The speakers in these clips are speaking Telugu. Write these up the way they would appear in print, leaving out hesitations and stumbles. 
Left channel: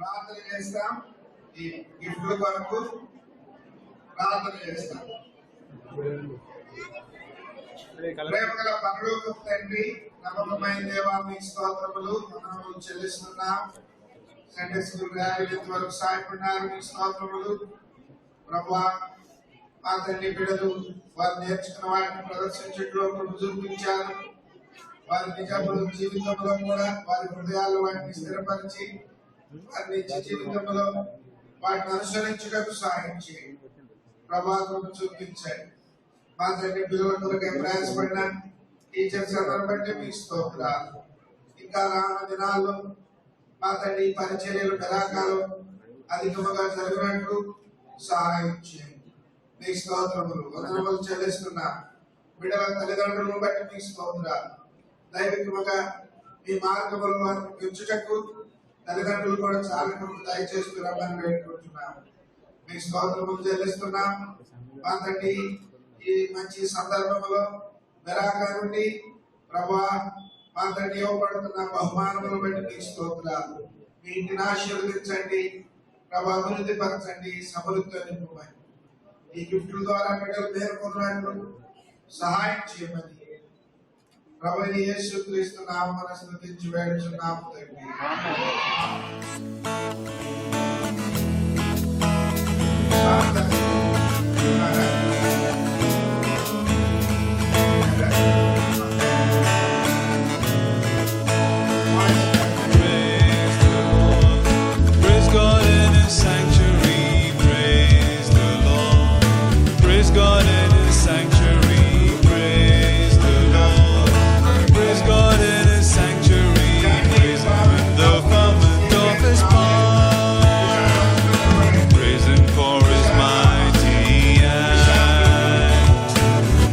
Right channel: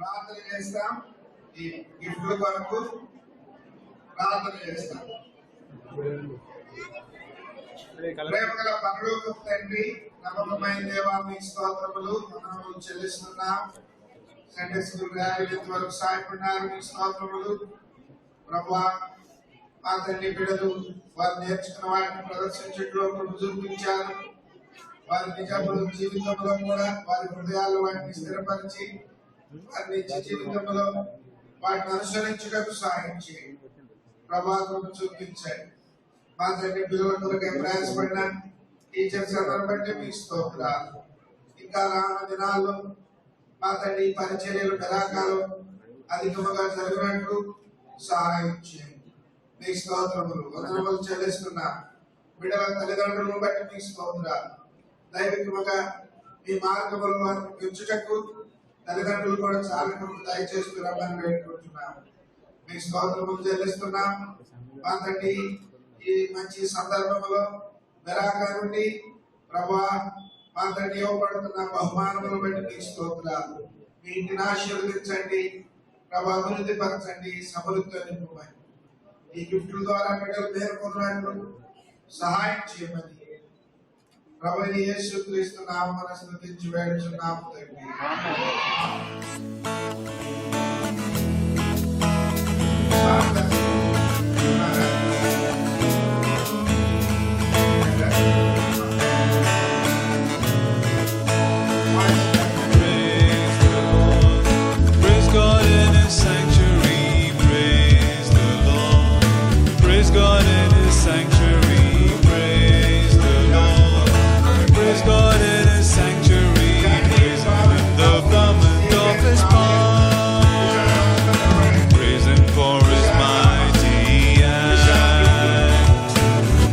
ప్రార్థన చేస్తాం. ఈ గిఫ్ట్ల కొరకు ప్రార్థన చేస్తాం. ప్రేమగల పరలోకపు తండ్రి, నమ్మకమైన దేవా, మీ స్తోత్రములు మనము చెల్లిస్తున్నాం. సండే స్కూల్ ర్యాలీ వరకు సాయపడినారు, మీ స్తోత్రములు ప్రభువా. మా తండ్రి బిడ్డలు వారు నేర్చుకున్న వాటిని ప్రదర్శించడంలో చూపించారు. వారి నిజాములు జీవితంలో కూడా వారి హృదయాల్లో వాటిని స్థిరపరిచి వారి నిత్య జీవితంలో వాటిని అనుసరించడానికి సహాయం చేయండి. ప్రభావం చూపించండి. మా తండ్రి పిల్లల కొరకు ప్రయాసపడిన టీచర్స్ అందరూ బట్టి మీకు స్తోత్రాలు. ఇంకా రానున్న దినాల్లో మా తండ్రి పరిచర్యలు మెలాకాలు అధికముగా జరిగినట్లు సహాయం చేయండి. మీ స్తోత్రములు వందనములు చెల్లిస్తున్నా. బిడ్డల తల్లిదండ్రులను బట్టి మీకు స్తోత్రాలు. దైవికముగా మీ మార్గములు వారిని పెంచుటకు తల్లిదండ్రులు కూడా చాలా దయచేస్తున్నామని వేడుకుంటున్నాం. మీ స్తోత్రములు చెల్లిస్తున్నాం. మా తండ్రి ఈ మంచి సందర్భంలో మెరాకా నుండి ప్రభా మా తండ్రి ఇవ్వబడుతున్న బహుమానములు బట్టి మీ స్తోత్రాలు. మీ ఇంటిని ఆశీర్వదించండి ప్రభా, అభివృద్ధి పరచండి, సమృద్ధితో నింపమని ఈ గిఫ్ట్ల ద్వారా బిడ్డలు పేర్కొన్నట్లు సహాయం చేయమని ప్రభువైన యేసుక్రీస్తు నామమున స్తుతించి వేడుచున్నాము తండ్రి. Praise the Lord. Praise God in His sanctuary. Praise the Lord. Praise God in His sanctuary. Praise the Lord. Praise God in His sanctuary. Praise Him in the firmament of His power. Praise Him for His mighty acts.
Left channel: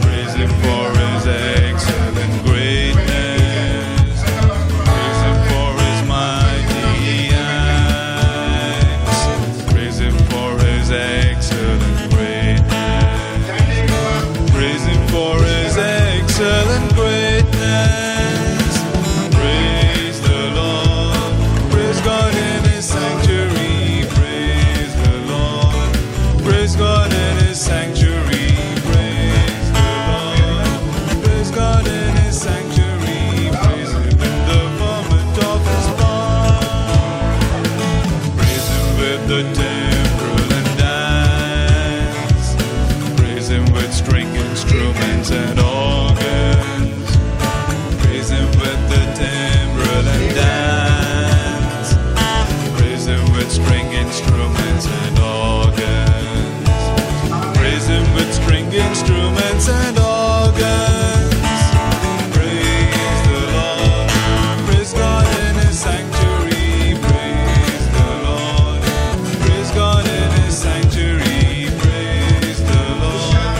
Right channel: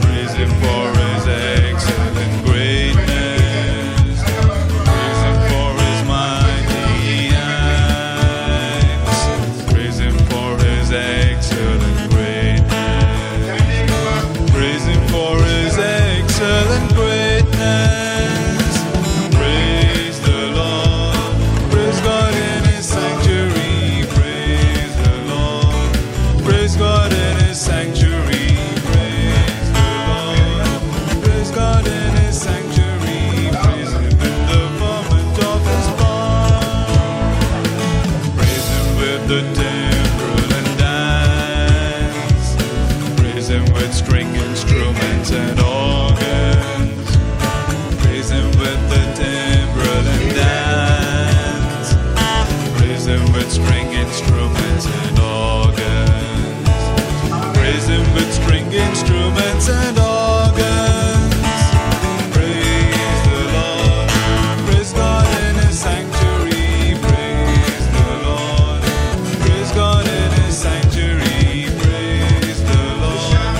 Praise Him for His excellent greatness. Praise Him for His mighty acts. Praise Him for His excellent greatness. Praise Him for His excellent greatness. Praise the Lord. Praise God in His sanctuary. Praise the Lord. Praise God in His sanctuary. Praise the Lord. Praise God in His sanctuary. Praise Him in the firmament of His power. Praise Him with the timbrel and dance. Praise Him with string instruments and organs. Praise Him with the timbrel and dance. Praise Him with string instruments and organs. Praise Him with string instruments and organs. Praise the Lord. Praise God in His sanctuary. Praise the Lord. Praise God in His sanctuary. Praise the Lord.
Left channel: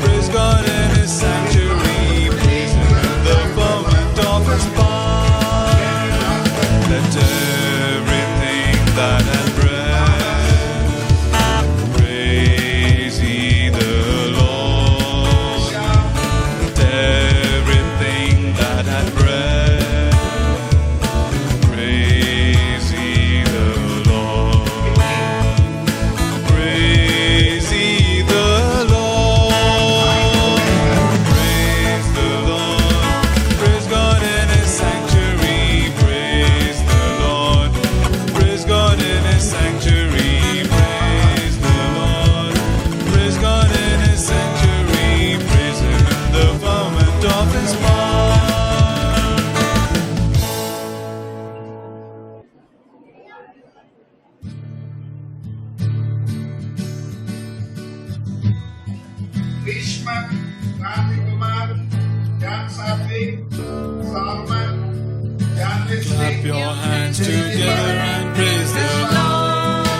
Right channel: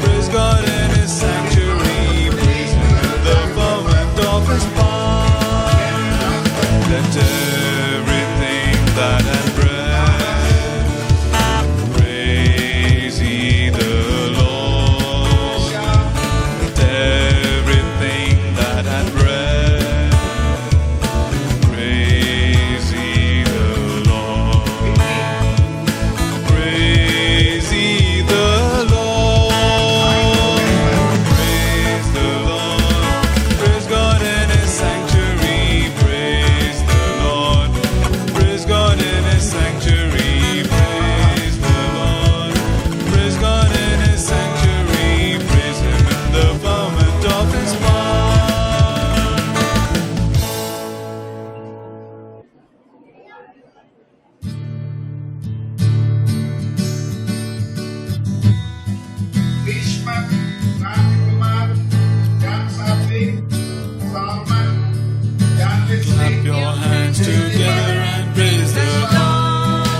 Praise God in His sanctuary. Praise Him in the firmament of His power. Let everything that hath breath praise ye the Lord. Let everything that hath breath praise ye the Lord. Praise ye the Lord. Praise the Lord. Praise God in His sanctuary. Praise the Lord. Praise God in His sanctuary. Praise the Lord. Praise God in His sanctuary. Praise Him in the firmament of His power. Grishma, Randy Kumar, Jan Sattvi, Salman, Jan Wesley. Clap your hands together and praise the Lord.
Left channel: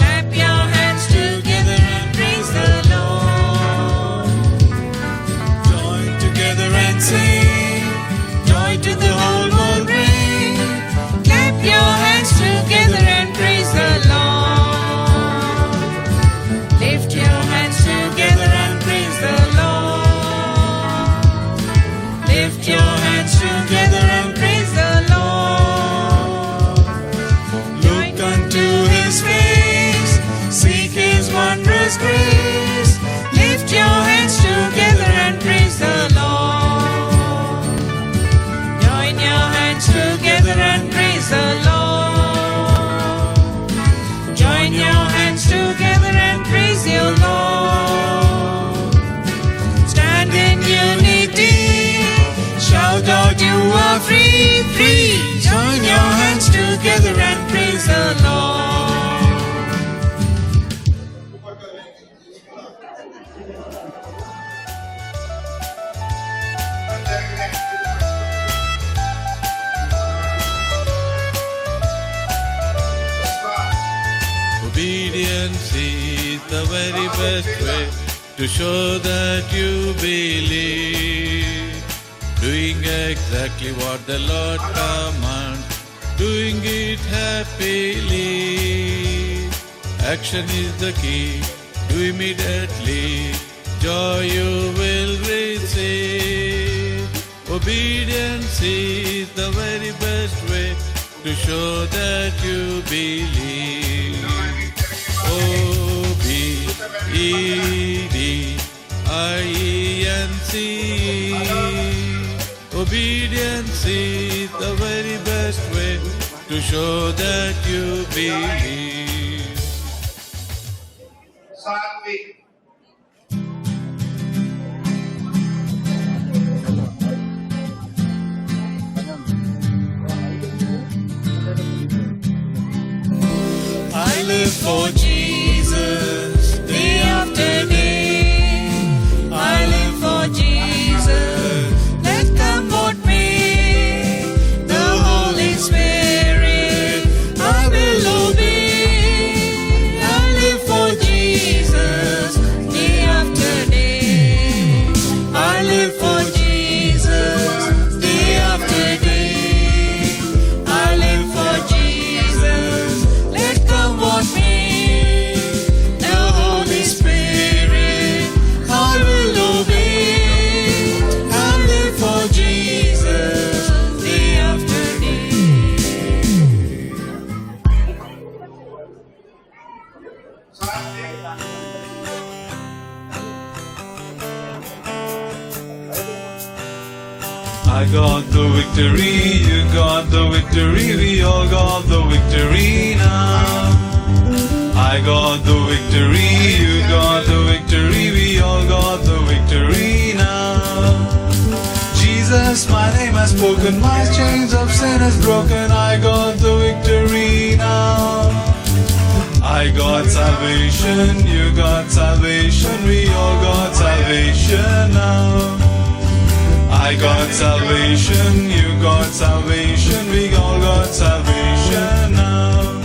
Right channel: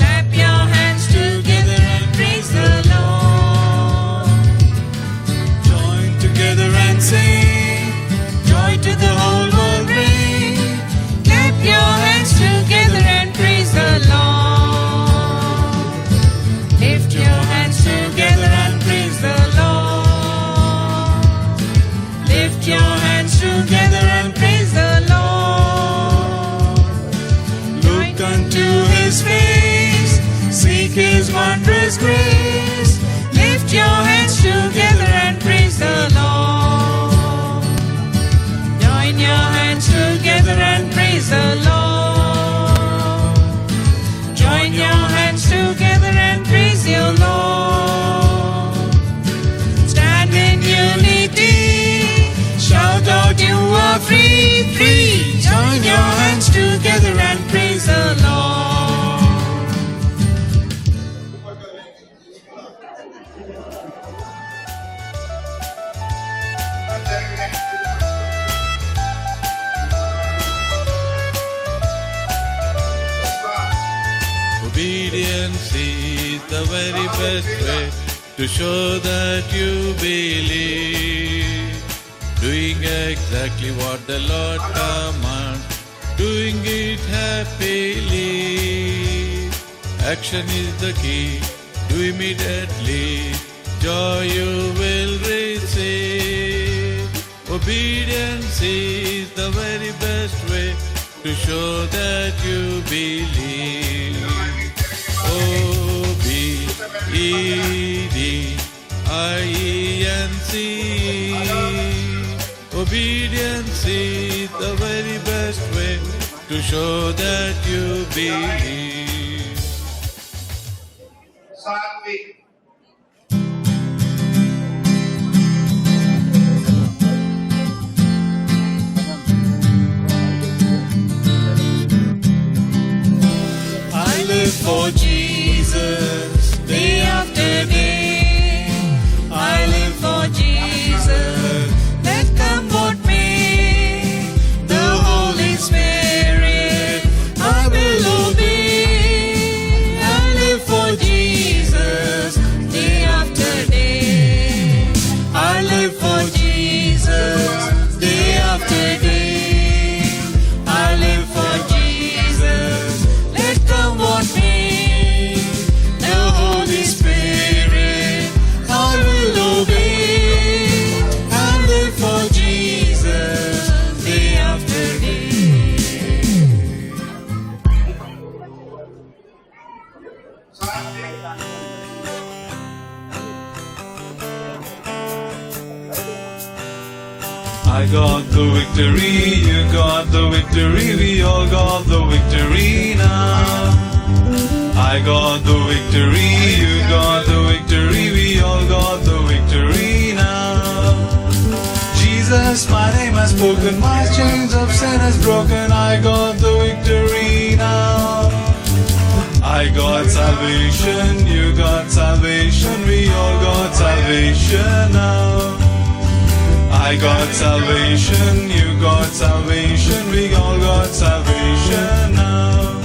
Clap your hands together and praise the Lord. Join together and sing. Joy to the whole world bring. Clap your hands together and praise the Lord. Lift your hands together and praise the Lord. Lift your hands together and praise the Lord. to His face, seek His wondrous grace. Lift your hands together and praise the Lord. Join your hands together and praise the Lord. Join your hands together and praise your Lord. Stand in unity, shout out you are free, free. Join your hands together and praise the Lord. అంతేగానే ఇది పట్టుకోవచ్చు. Vishwas Obedience is the very best way to show that you believe. Doing exactly what the Lord commands, doing it happily. Action is the key, do immediately, joy you will receive. Obedience is the very best way to show that you believe. Obedience. Obedience is the very best way to show that you believe. Satvik I live for Jesus day after day. I live for Jesus. Let come what may. The Holy Spirit I will obey. I live for Jesus day after day. I live for Jesus day after day. I live for Jesus. Let come what may. The Holy Spirit I will obey. I live for Jesus day after day. Satvik I got the victory, you got the victory, we all got the victory now. I got the victory, you got the victory, we all got the victory now. Jesus, my name has spoken, my chains of sin is broken, I got the victory now. I got salvation, you got salvation, we all got salvation now. I got salvation, you got salvation, we all got salvation now.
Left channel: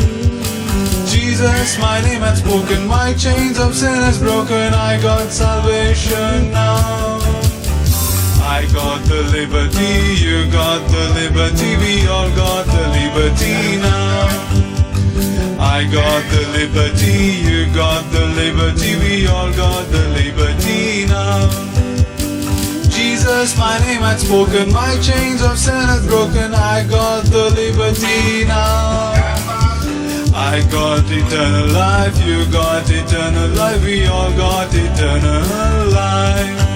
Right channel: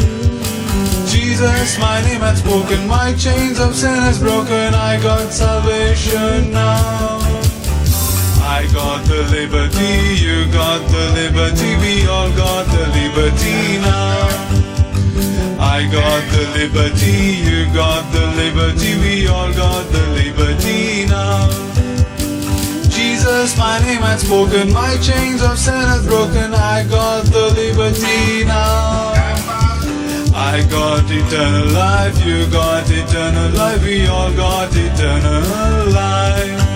Jesus, my name has spoken, my chains of sin is broken, I got salvation now. I got the liberty, you got the liberty, we all got the liberty now. I got the liberty, you got the liberty, we all got the liberty now. Jesus, my name has spoken, my chains of sin is broken, I got the liberty now. I got eternal life, you got eternal life, we all got eternal life.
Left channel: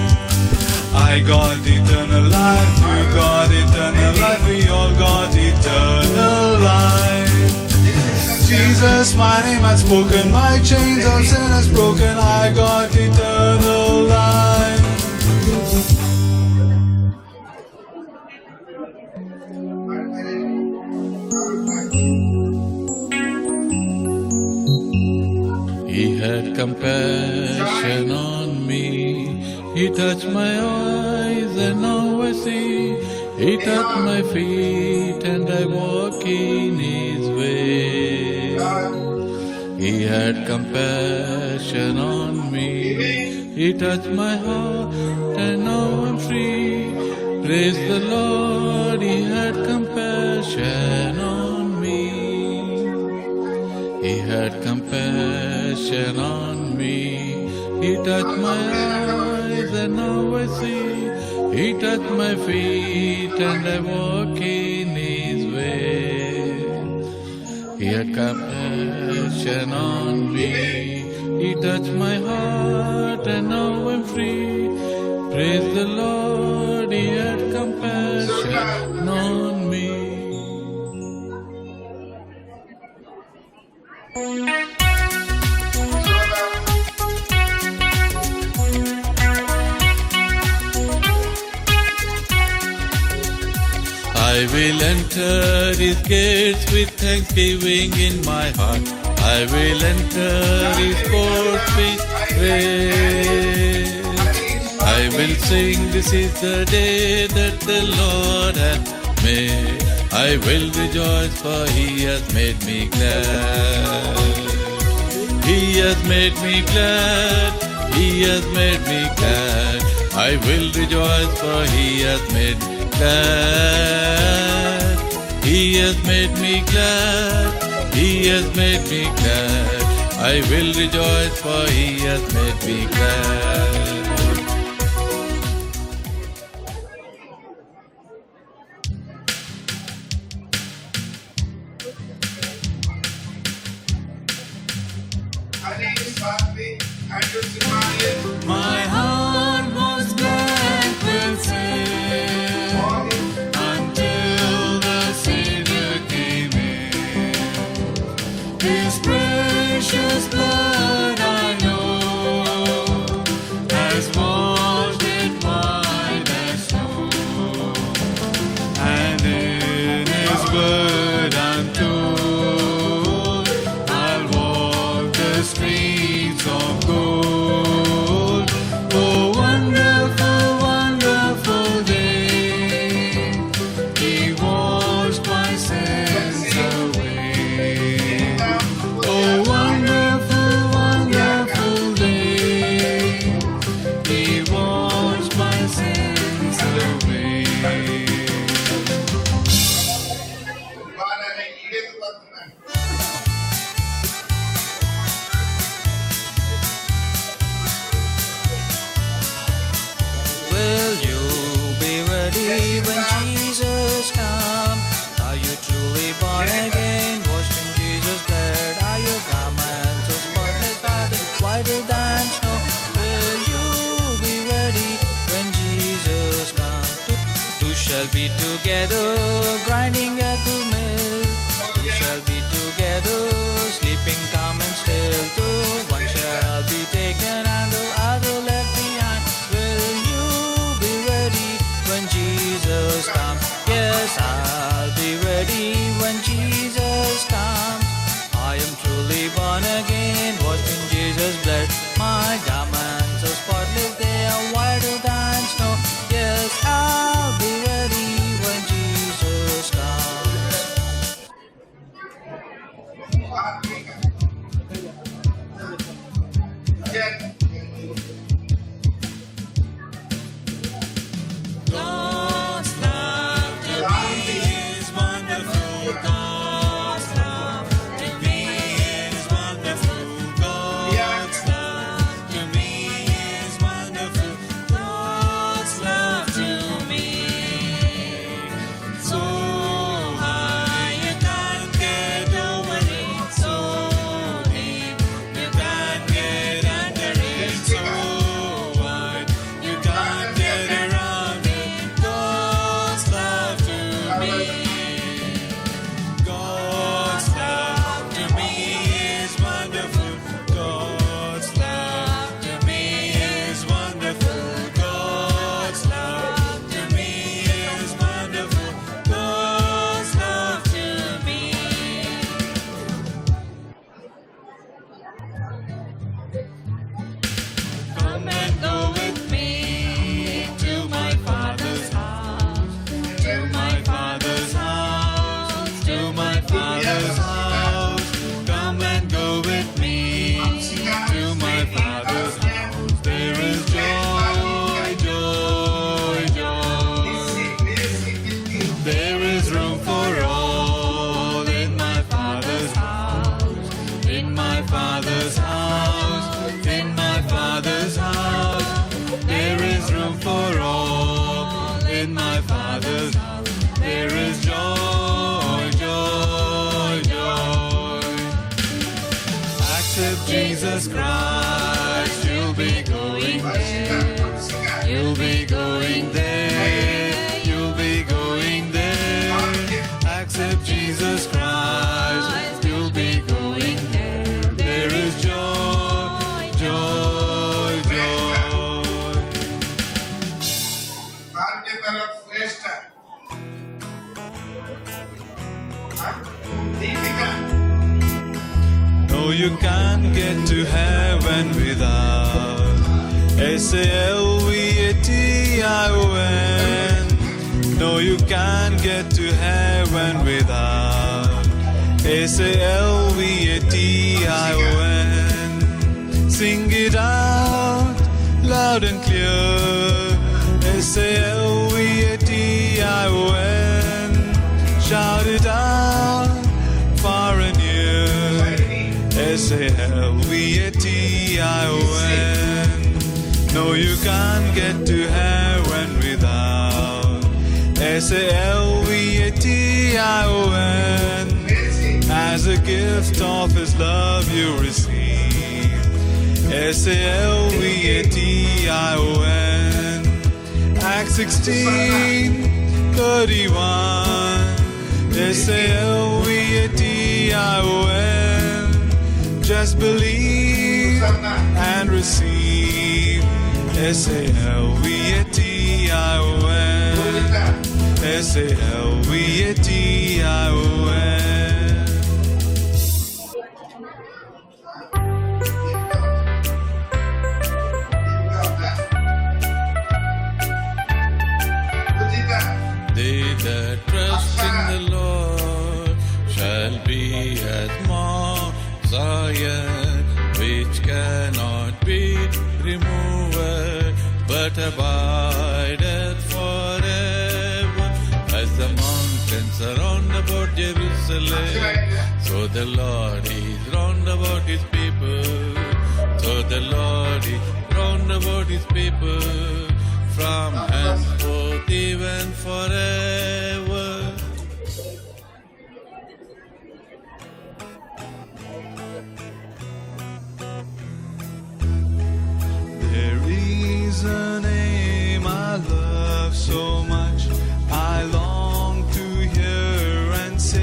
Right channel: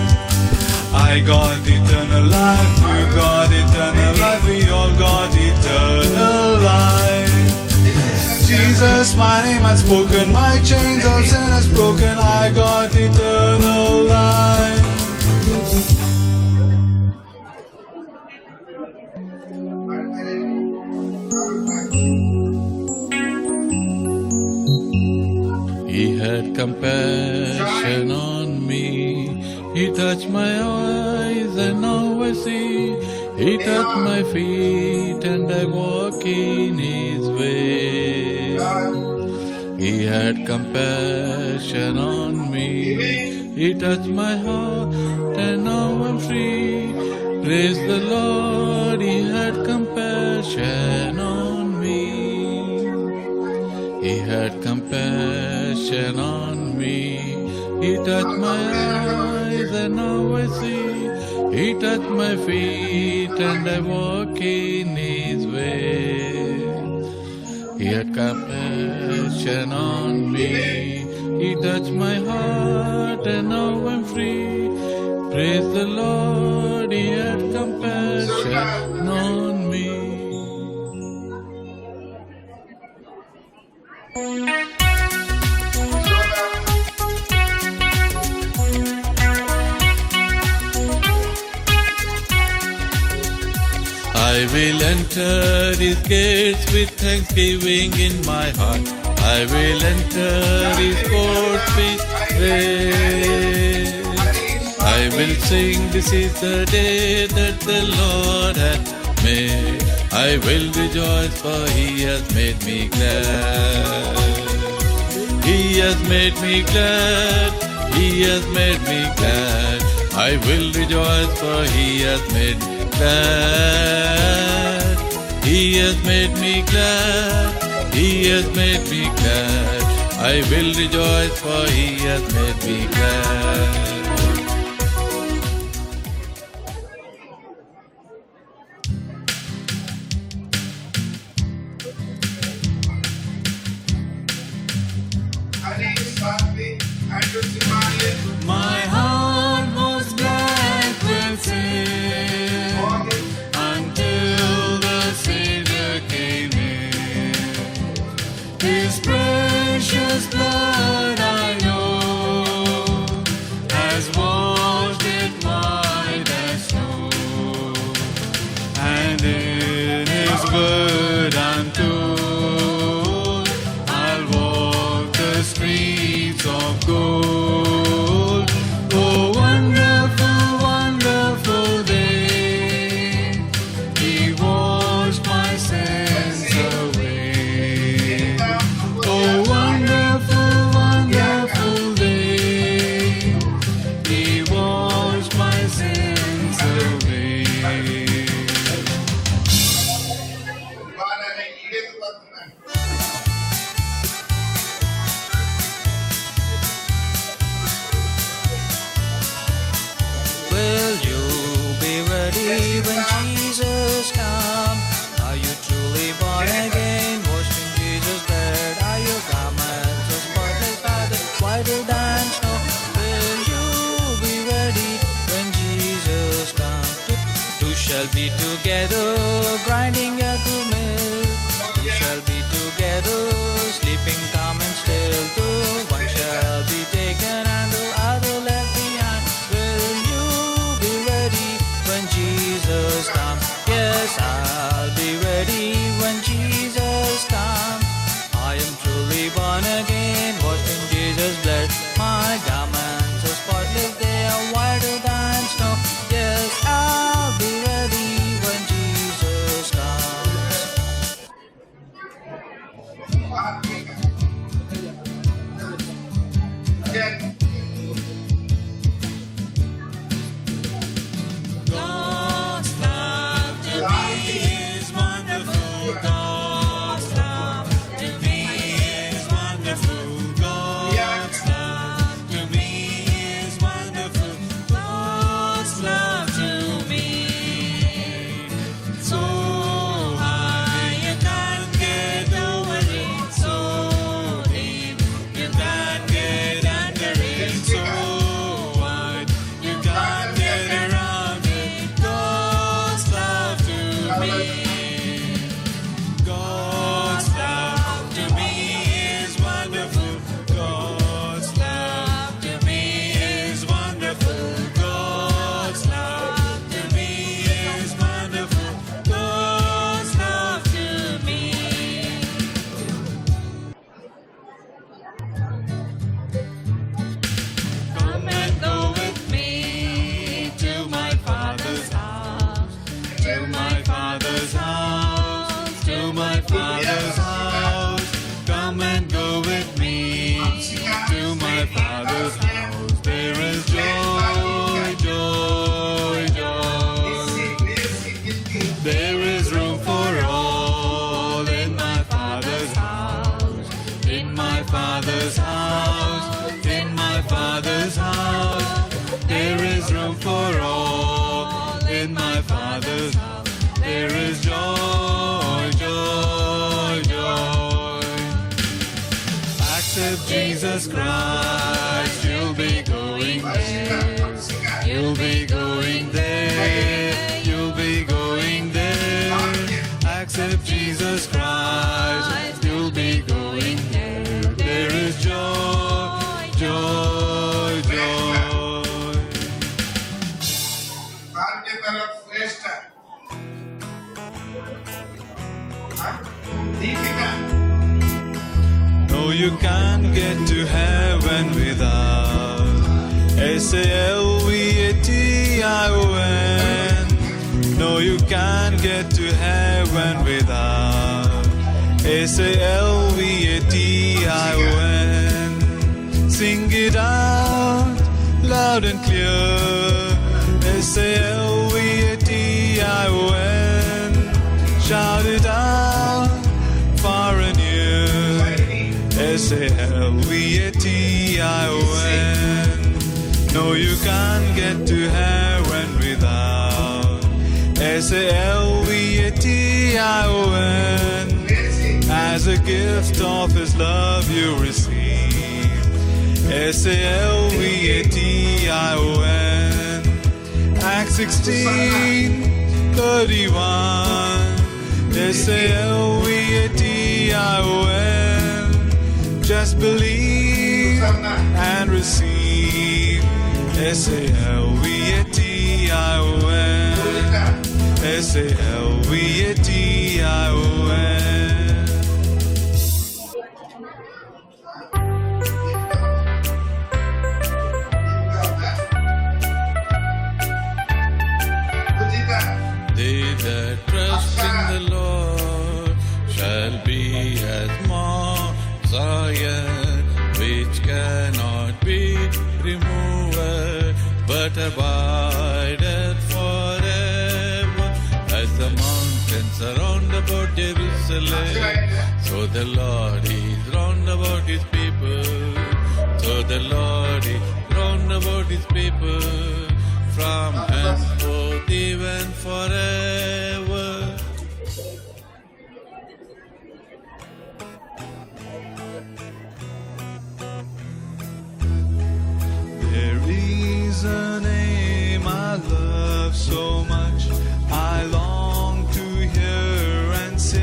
I got eternal life, you got eternal life, we all got eternal life. Jesus, my name has spoken, my chains of sin is broken, I got eternal life. He had compassion on me. He touched my eyes and now I see. He touched my feet and I walk in His way. He had compassion on me. He touched my heart and now I'm free. Praise the Lord, He had compassion on me. He had compassion on me. He touched my eyes and now I see. He touched my feet and I walk in His way. He had compassion on me. He touched my heart and now I'm free. Praise the Lord, He had compassion on me. I will enter His gates with thanksgiving in my heart. I will enter His courts with praise. I will sing, this is the day that the Lord hath made. I will rejoice, for He has made me glad. He has made me glad. He has made me glad. I will rejoice, for He has made me glad. He has made me glad. He has made me glad. I will rejoice, for He has made me glad. Ali, Satvik, Andrew Simarian, My heart was black with sin until the Savior came in. His precious blood I know has washed it white as snow, and in His word I'm told I'll walk the streets of gold. Oh, wonderful, wonderful day. He washed my sins away. Oh, wonderful, wonderful day. He washed my sins away. Will you be ready when Jesus comes? Are you truly born again, washed in Jesus' blood? Are your garments so spotless and whiter than snow? Will you be ready when Jesus comes? You shall be together, grinding at the mill. You shall be together, sleeping calm and still. The one shall be taken and the other left behind. Will you be ready when Jesus comes? Yes, I'll be ready when Jesus comes. I am truly born again, washed in Jesus' blood. My garments are spotless, they are whiter than snow. Yes, I'll be ready when Jesus comes. God's love to me is wonderful. God's love to me is wonderful. God's love to me is wonderful. God's love to me so high you can't get over it. So deep you can't get under it. So wide you can't get around it. God's love to me. God's love to me is wonderful. God's love to me is wonderful. God's love to me is wonderful. God's love to me. Come and go with me to my Father's house. To my Father's house. To my Father's house. Come and go with me to my Father's house. There is joy, joy, joy. There is room for all in my Father's house. In my Father's house. In my Father's house. There is room for all in my Father's house. There is joy, joy, joy. Accept Jesus Christ, you'll be going there. Singer. You'll be going there. You'll be going there. Accept Jesus Christ, you'll be going there. There is joy, joy, joy. आपके तरफ श्रेष्ठ Deepika Oh, you can't get to heaven without S-A-L-V-A-T-I-O-N. No, you can't get to heaven without S-A-L-V-A-T-I-O-N. Sing it out loud and clear. S-A-L-V-A-T-I-O-N. Shout it out far and near. S-A-L-V-A-T-I-O-N. No, you can't get to heaven without S-A-L-V-A-T-I-O-N. As a gift of His love you receive. S-A-L-V-A-T-I-O-N. Acts 16:31. S-A-L-V-A-T-I-O-N. Just believe and receive. S-A-L-V-A-T-I-O-N. S-A-L-V-A-T-I-O-N. Pujita They that trust in the Lord shall be as Mount Zion, which cannot be removed, but abideth forever. As the mountains are round about Jerusalem, so the Lord is round about His people. So the Lord is round about His people, from henceforth even forever. There is a name I love so much, I long to hear and say.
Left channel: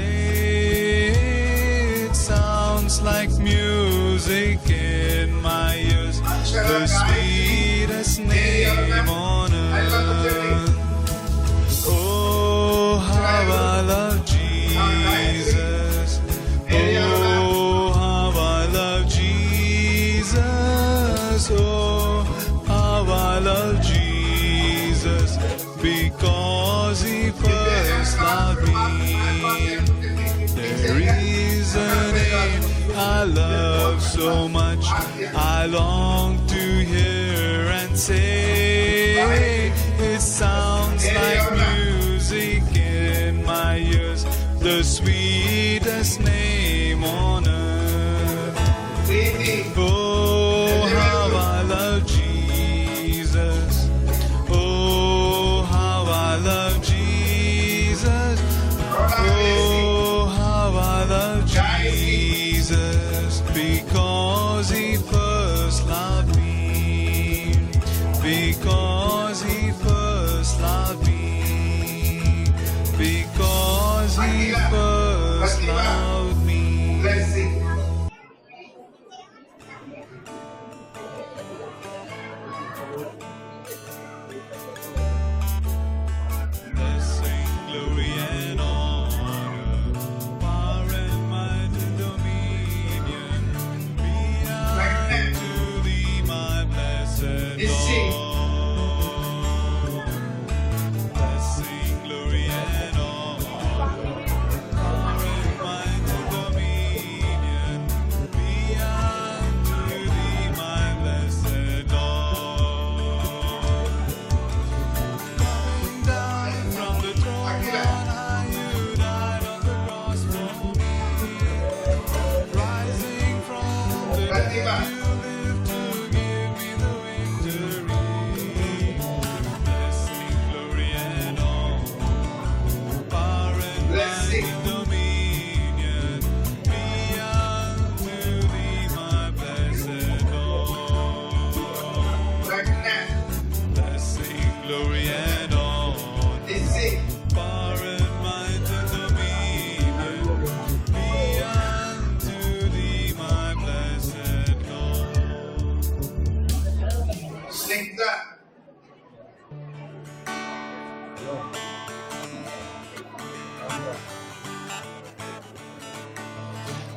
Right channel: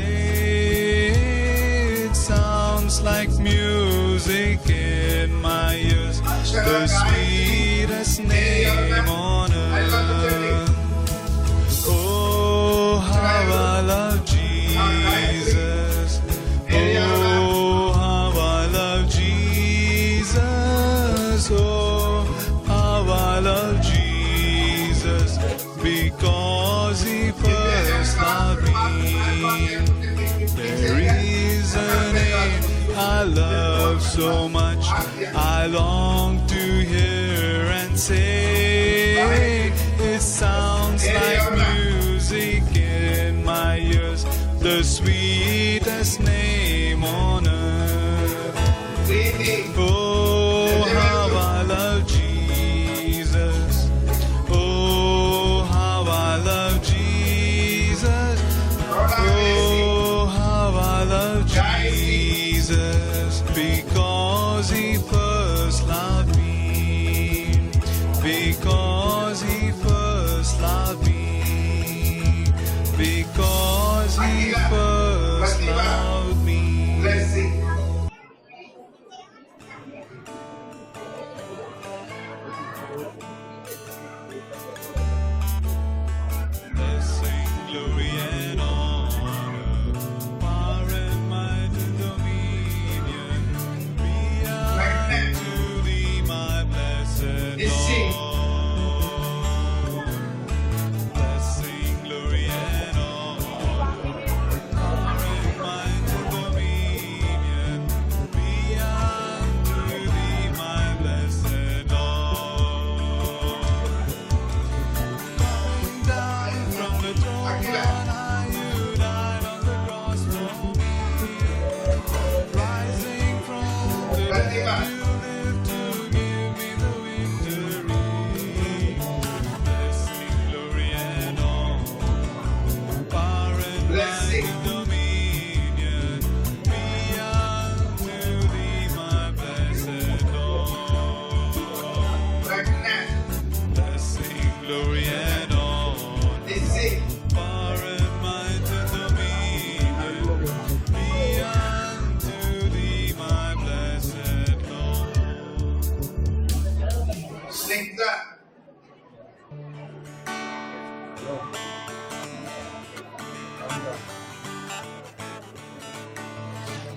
It sounds like music in my ears, the sweetest name on earth. Oh, how I love Jesus. Oh, how I love Jesus. Oh, how I love Jesus. Because He first loved me. There is a name I love so much, I long to hear and say. It sounds like music in my ears, the sweetest name on earth. Oh, how I love Jesus. Oh, how I love Jesus. Oh, how I love Jesus. Because He first loved me. Because He first loved me. Because He first loved me. blessing. Blessing, glory, and honor, power and might, dominion, be unto Thee, my blessed Lord. Blessing, glory, and honor, power and might, and dominion, be unto Thee, my blessed Lord. Coming down from the throne on high, You died on the cross for me. Rising from the dead, You live to give me the victory. Blessing, glory, and honor, power and might and dominion, be unto Thee, my blessing, glory and honor, This is it. power and might and dominion be unto thee, my blessed Lord. Snigdha.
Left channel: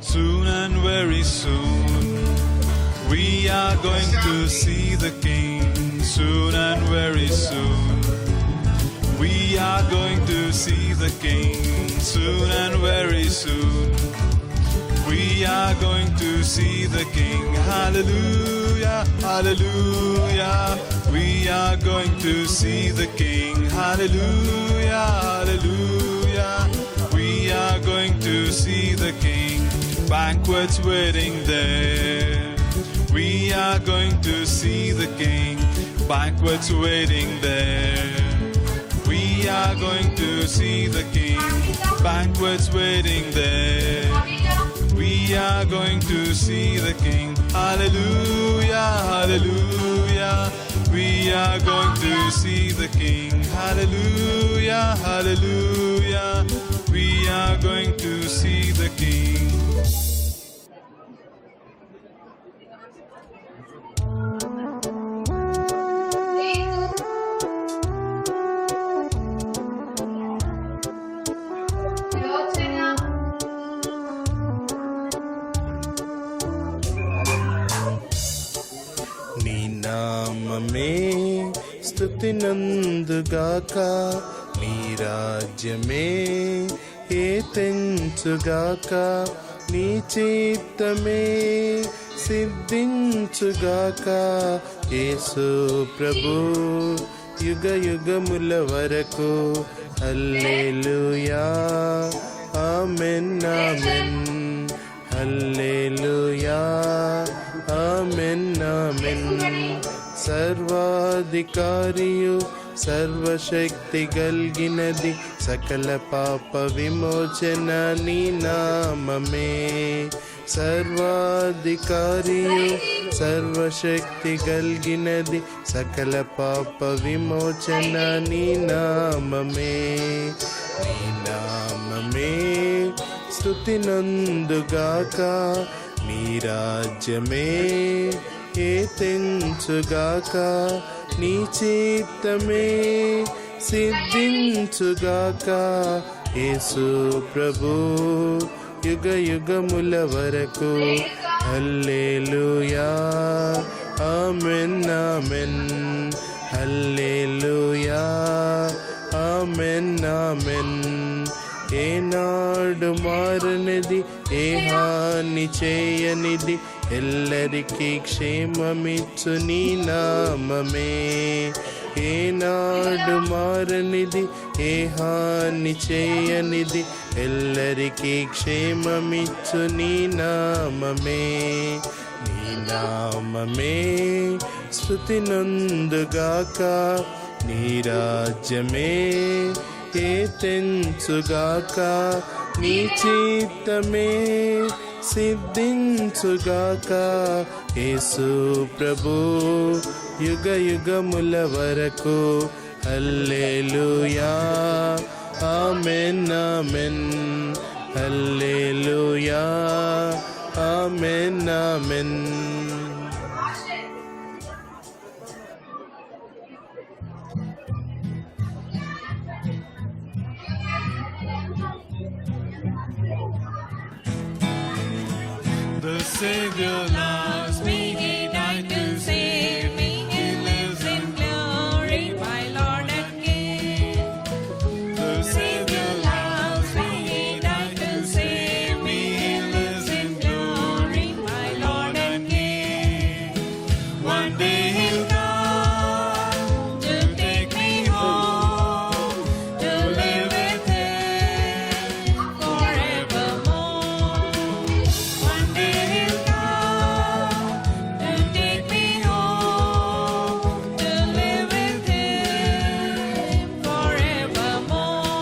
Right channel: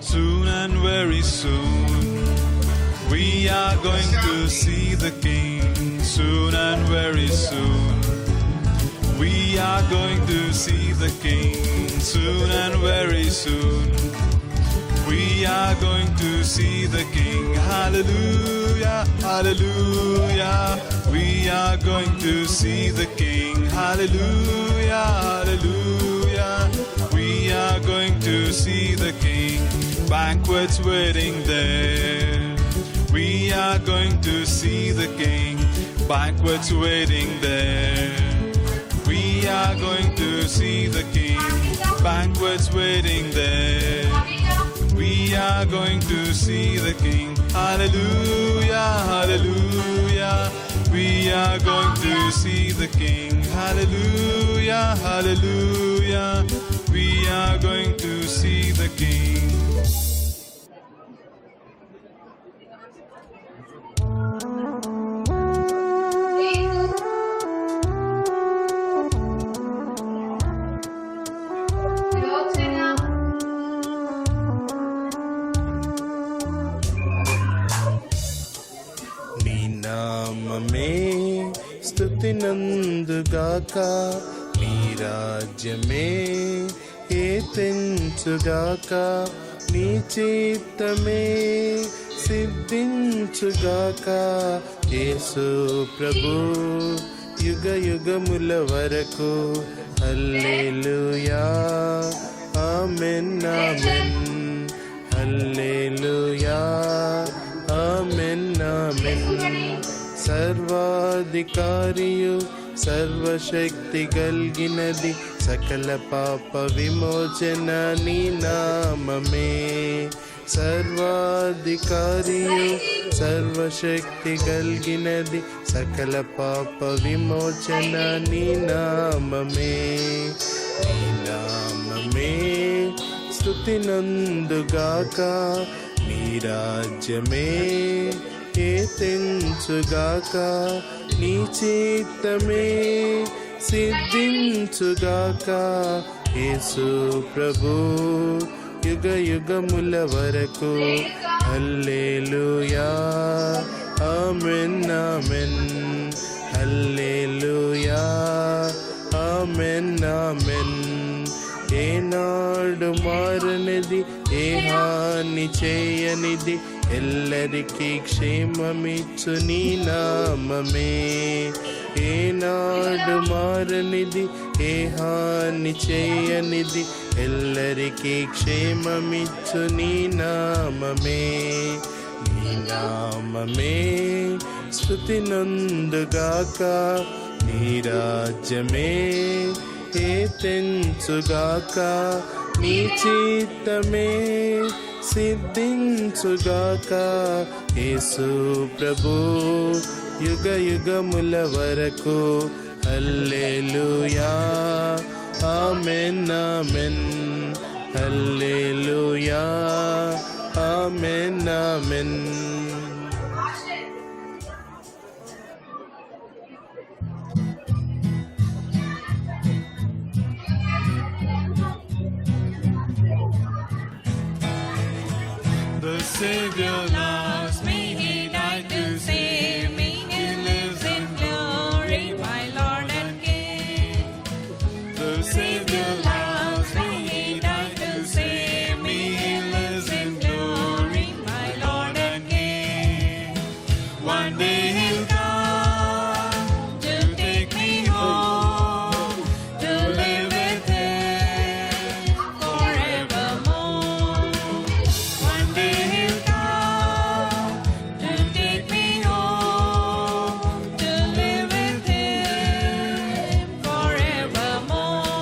Soon and very soon, we are going to see the King. Soon and very soon, we are going to see the King. Soon and very soon, we are going to see the King. Hallelujah, hallelujah. We are going to see the King. Hallelujah, hallelujah. We are going to see the King. Banquets waiting there. We are going to see the King. Banquets waiting there. We are going to see the King. Banquets waiting there. We are going to see the King. Hallelujah, hallelujah. We are going to see the King. Hallelujah, hallelujah. We are going to see the King. నీ నామమే స్తుతి నందుగాక, నీ రాజ్యమే కీర్తించుగాక, నీ చిత్తమే సిద్ధించుగాక. యేసు ప్రభు యుగ యుగముల వరకు. హల్లెలూయా, ఆమేన్, ఆమేన్. హల్లెలూయా, ఆమేన్, ఆమేన్. సర్వాధికారియు సర్వశక్తి కలిగినది, సకల పాప విమోచన నీ నామమే. సర్వాధికారియు సర్వశక్తి కలిగినది, సకల పాప విమోచన నీ నామమే. నీ నామమే స్తుతి నందుగాక, నీ రాజ్యమే కీర్తించుగాక, నీ చిత్తమే సిద్ధించుగాక. యేసు ప్రభు యుగ యుగముల వరకు. హల్లెలూయా, ఆమేన్, ఆమేన్. హల్లెలూయా, ఆమేన్, ఆమేన్. ఏనాడు మారనిది, ఏ హాని చేయనిది, ఎల్లరికీ క్షేమమిచ్చు నీ నామమే. ఏనాడు మారనిది, ఏ హాని చేయనిది, ఎల్లరికీ క్షేమమిచ్చు నీ నామమే. నీ నామమే స్తుతి నందుగాక, నీ రాజ్యమే కీర్తించుగాక, నీ చిత్తమే సిద్ధించుగాక. యేసు ప్రభు యుగ యుగముల వరకు. హల్లెలూయా, ఆమేన్, ఆమేన్. హల్లెలూయా, ఆమేన్, ఆమేన్. The Savior loves me. He died to save me. He lives in glory, my Lord and King. The Savior loves me. He died to save me. He lives in glory, My Lord and King. One day He'll come To take me home, to live with Him forevermore. One day He'll come to take me home, to live with Him forevermore.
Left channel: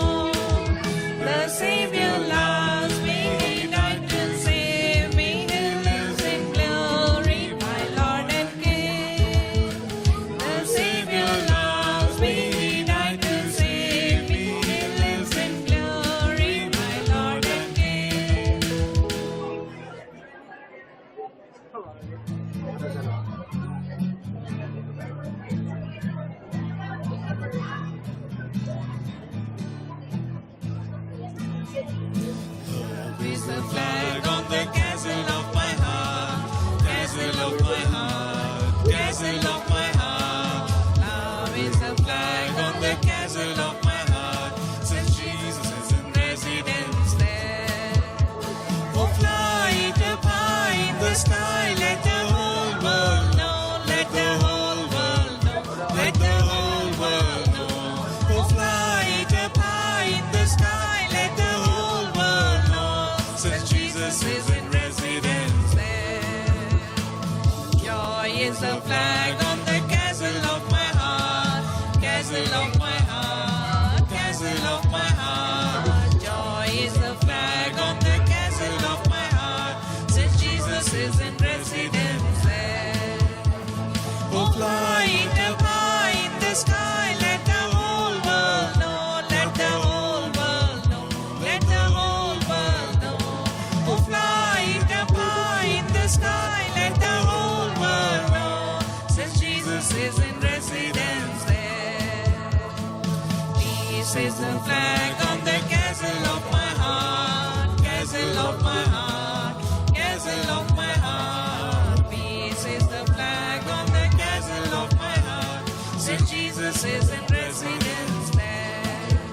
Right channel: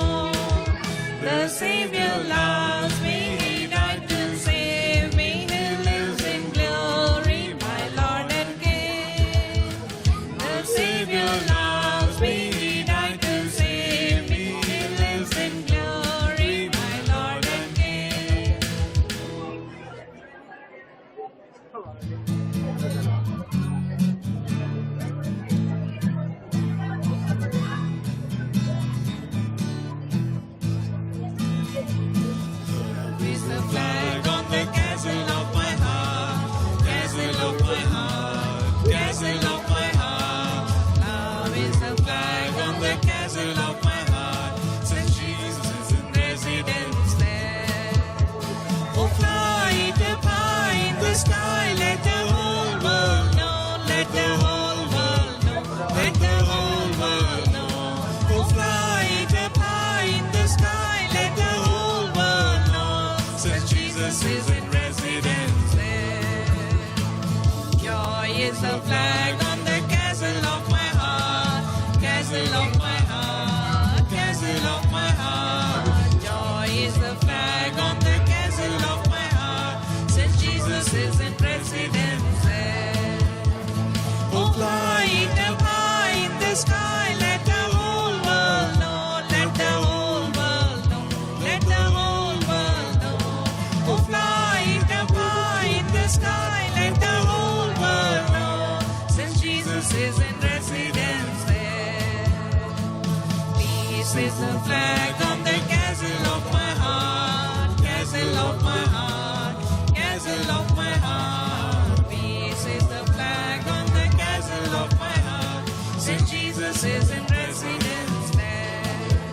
The Savior loves me, He died to save me. He lives in glory, my Lord and King. The Savior loves is the flag on the castle of my heart, castle of my heart, castle of my heart. Love is the flag on the castle of my heart, since Jesus is in residence there. Oh, fly it up high in the sky, let the whole world know, let the whole world know, let the whole world know. Oh, fly it up high in the sky, let the whole world know, since Jesus is in residence there. Joy is the flag on the castle of my heart, castle of my heart, castle of my heart. Joy is the flag on the castle of my heart, since Jesus is in residence there. Oh, fly it up high in the sky, let the whole world know, let the whole world know, let the whole world know. Oh, fly it up high in the sky, let the whole world know, since Jesus is in residence there. Peace is the flag on the castle of my heart, castle of my heart, castle of my heart. Peace is the flag on the castle of my heart, since Jesus is in residence there.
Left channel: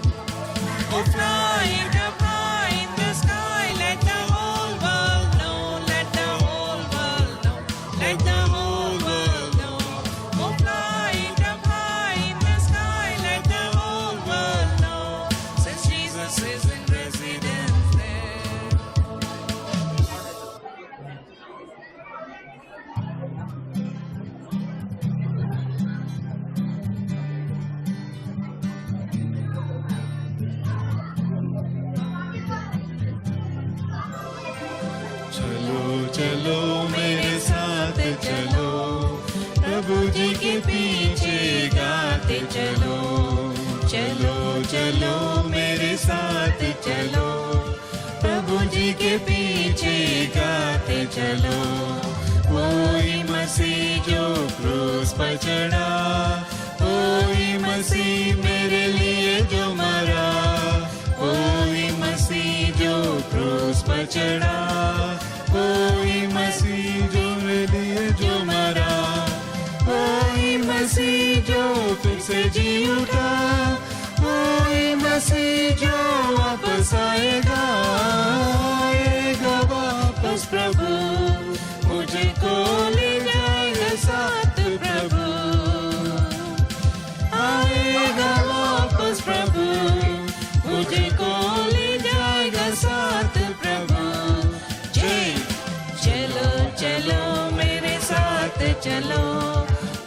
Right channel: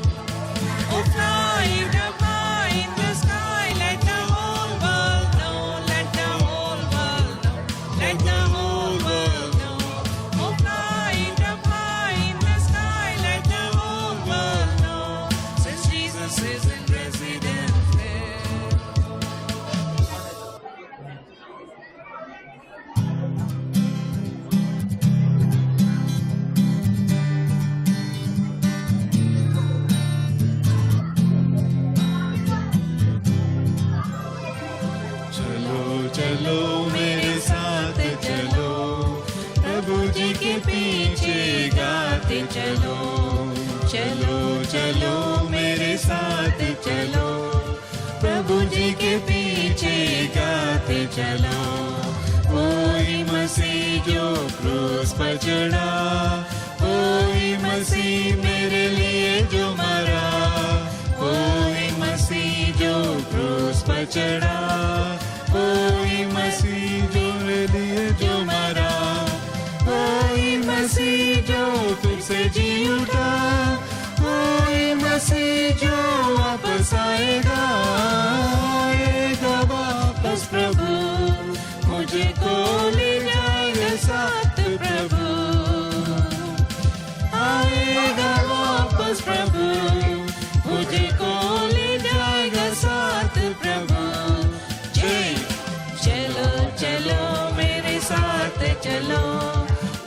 Oh, fly it up high in the sky, let the whole world know, let the whole world know, let the whole world know. Oh, fly it up high in the sky, let the whole world know, since Jesus is in residence there. चलो चलो मेरे साथ चलो, प्रभु जी के पीछे गाते चलो, चलो चलो मेरे साथ चलो, प्रभु जी के पीछे गाते चलो। ओई मसीह जो क्रूस पर चढ़ा, ओई मसीह मेरे लिए जो मरा, ओई मसीह जो क्रूस पर चढ़ा, ओई मसीह जो मेरे लिए जो मरा, ओई मसीह जो फिर से जी उठा, ओई मसीह जो वापस आएगा, आएगा वापस प्रभु, मुझे को ले जाएगा साथ प्रभु, आएगा वापस प्रभु, मुझे को ले जाएगा साथ प्रभु। जय चलो चलो मेरे साथ चलो,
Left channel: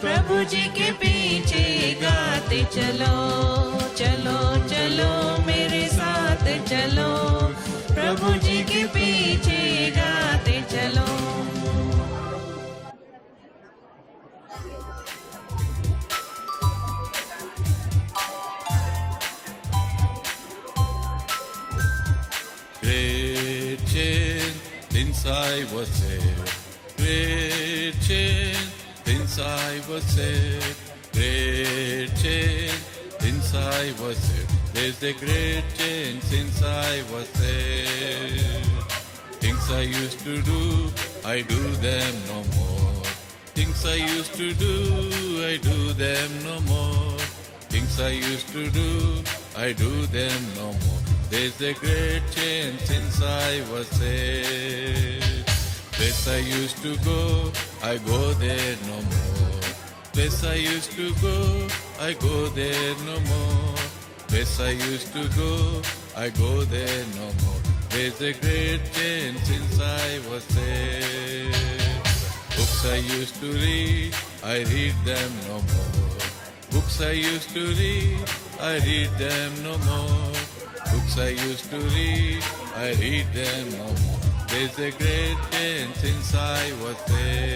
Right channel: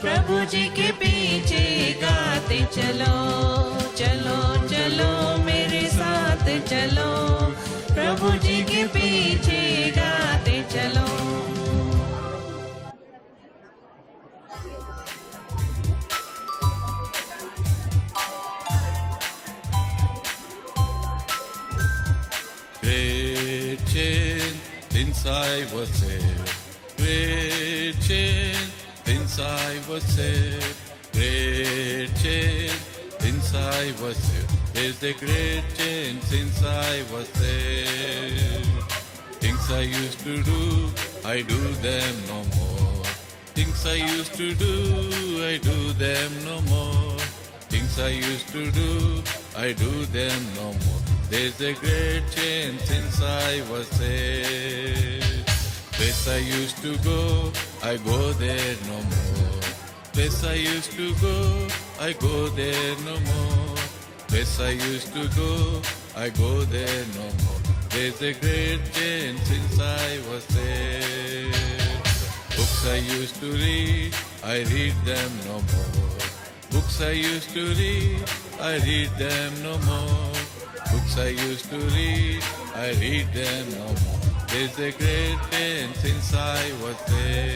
प्रभु जी के पीछे गाते चलो, चलो चलो मेरे साथ चलो, प्रभु जी के पीछे गाते चलो। Great chain inside was saved. Great chain inside was saved. Great chain inside was saved. There's a great chain since I was saved. Things I used to do, I do them no more. Things I used to do, I do them no more. Things I used to do, I do them no more. There's a great change since I was saved. This I used to go, I go there no more. This I used to go, I go there no more. This I used to go, I go there no more. There's a great change since I was saved. Books I used to read, I read them no more. Books I used to read, I read them no more. Books I used to read, I read them no more. There's a great change since I was there.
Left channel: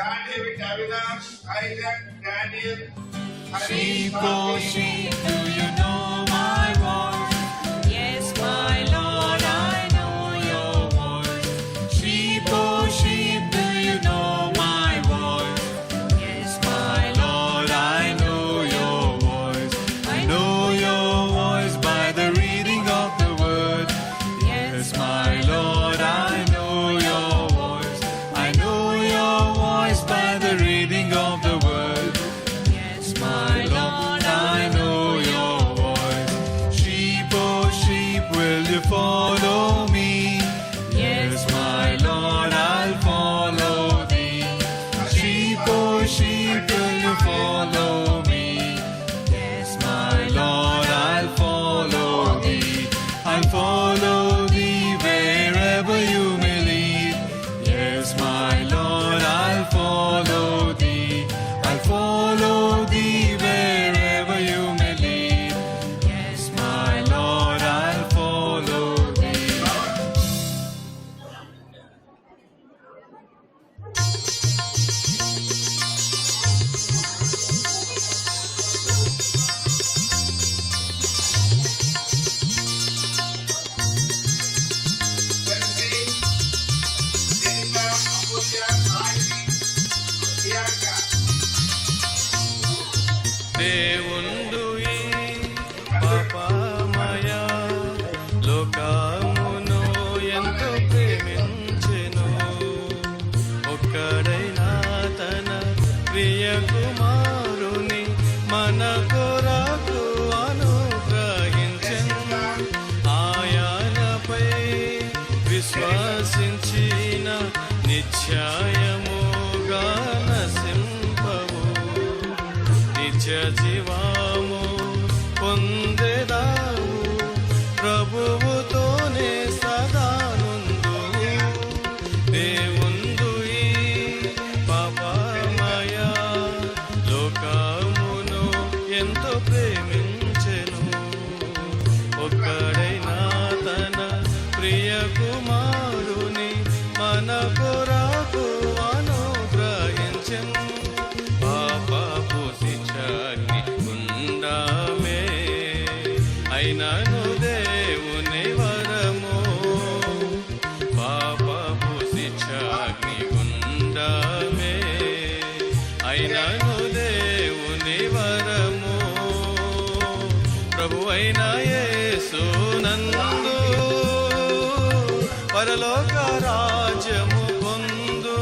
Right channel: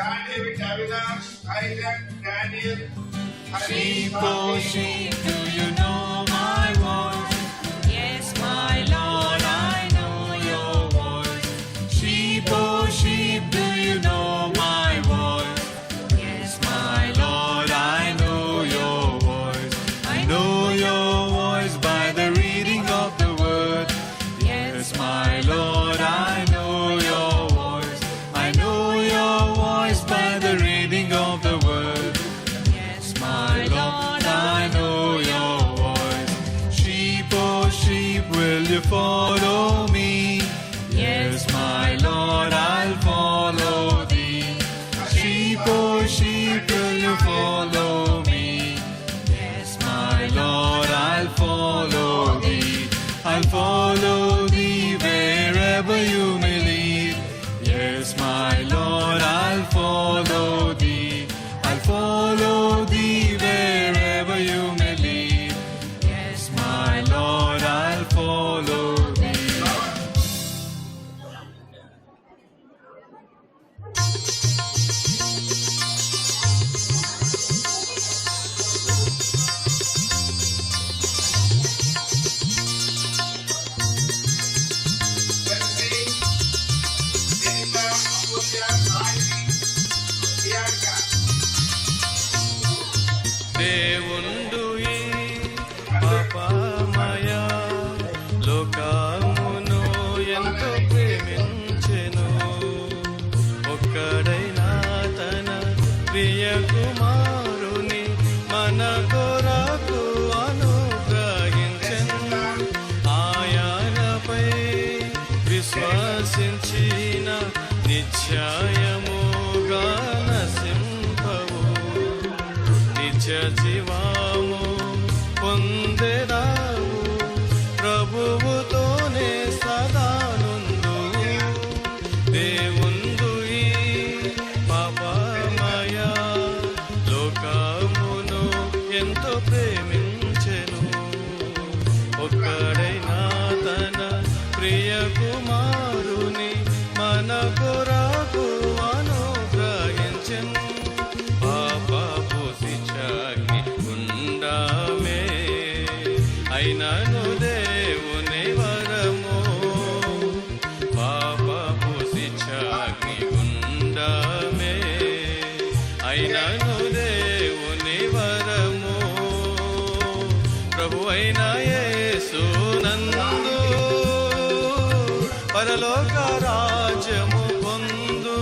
John David Avinash, Isaac, Daniel, Sheep, Harish, oh sheep, do you know my voice? Yes, my Lord, I know your voice. Sheep, oh sheep, do you know my voice? Yes, My Lord, I know your voice. I know your voice by the reading of the word. Yes, my Lord, I know your voice. I know your voice by the reading of the word. Yes, my Lord, I know your voice. Sheep, oh sheep, will you follow me? Yes, my Lord, I'll follow thee. Sheep, oh sheep, will you follow me? Yes, my Lord, I'll follow thee. I'll follow thee wherever you may lead. Yes, my Lord, I'll follow thee. I'll follow thee wherever you may lead. Yes, my Lord, I'll follow thee. Chelsea, Jenica, Amulya, Saidi, Bianca. దేవుందు ఈ పాపమయ లోకమును ఎంత ప్రేమించెను ఒక్కడైనా తన ప్రియ కుమారుని మన కొరకు అనుగ్రహించెను ఆయనపై విశ్వాసించిన నిశ్చయముగా నశింపవు నిత్య జీవము పొందెదావు ప్రభువుతోనే సదానందు దేవుందు ఈ పాపమయ లోకమును ఎంతో ప్రేమించెను ఒక్కడైనా తన ప్రియ కుమారుని మన కొరకు అనుగ్రహించెను పాపపు శిక్షాగ్ని గుండామే అయినను దేవుని వరము పాపపు శిక్షాగ్ని గుండామే అయినను దేవుని వరము ప్రభువైన యేసునందు పరలోక రాజ్యము పొందు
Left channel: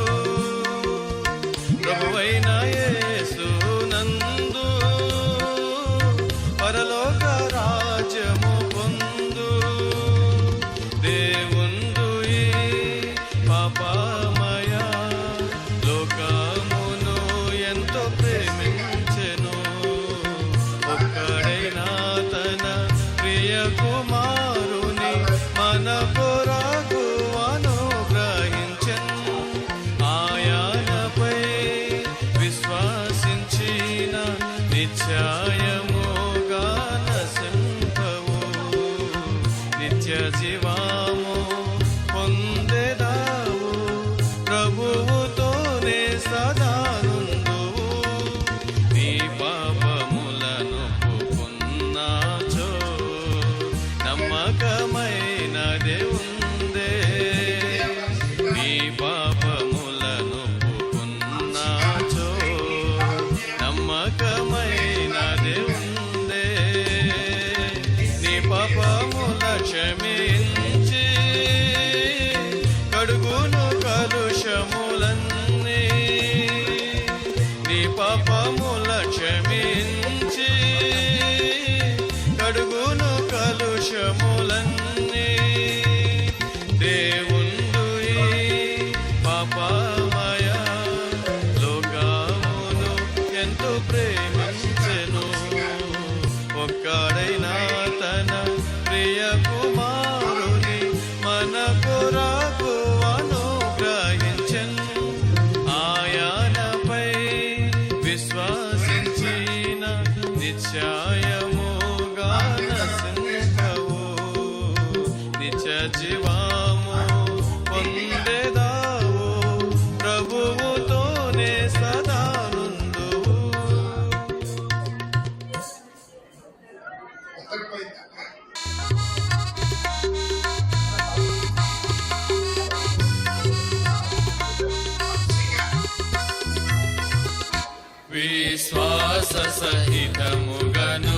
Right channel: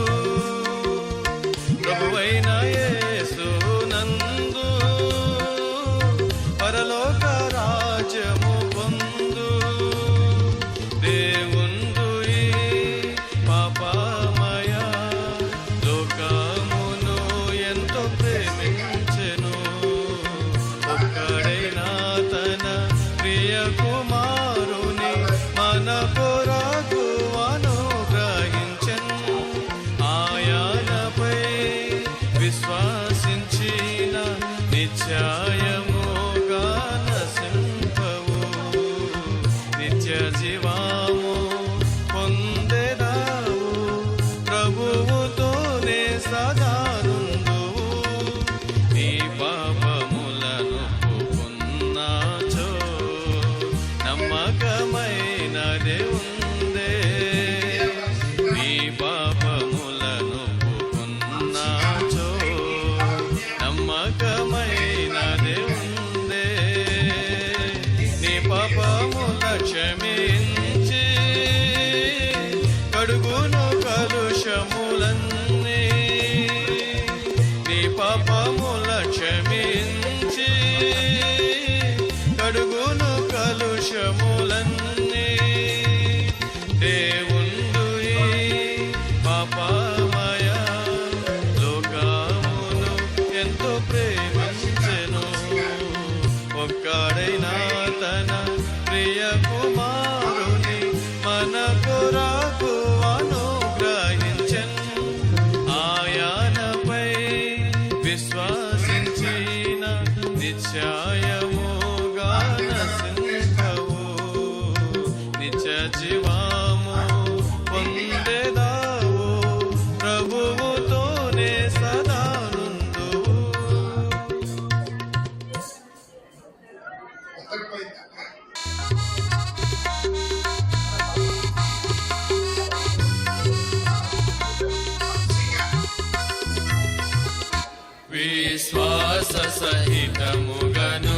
విశ్వాస సహితముగను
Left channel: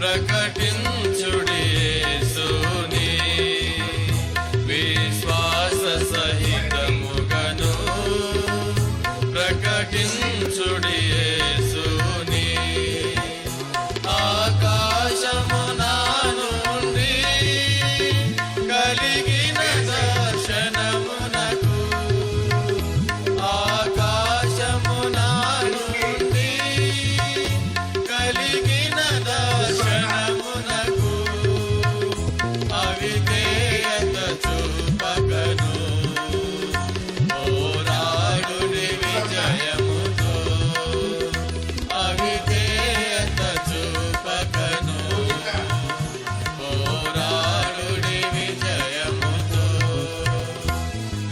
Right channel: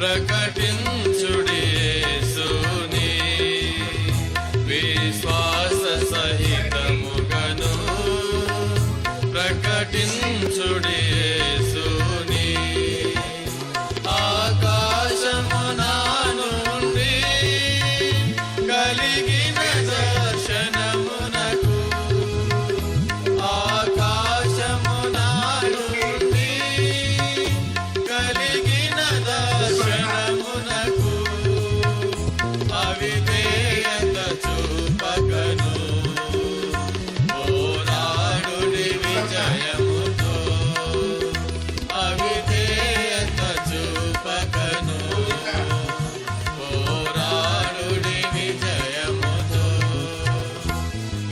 ప్రకటించుడి యేసుని విశ్వాస సహితముగను ప్రకటించుడి యేసుని ఆకాశమున నుండి కలిగిన దర్శనమునకు ఆకాశమున నుండి కలిగిన దర్శనమునకు అవిధేయత చూపకను పోరాడుడి విజయముతో అవిధేయత చూపకను పోరాడుడి విజయముతో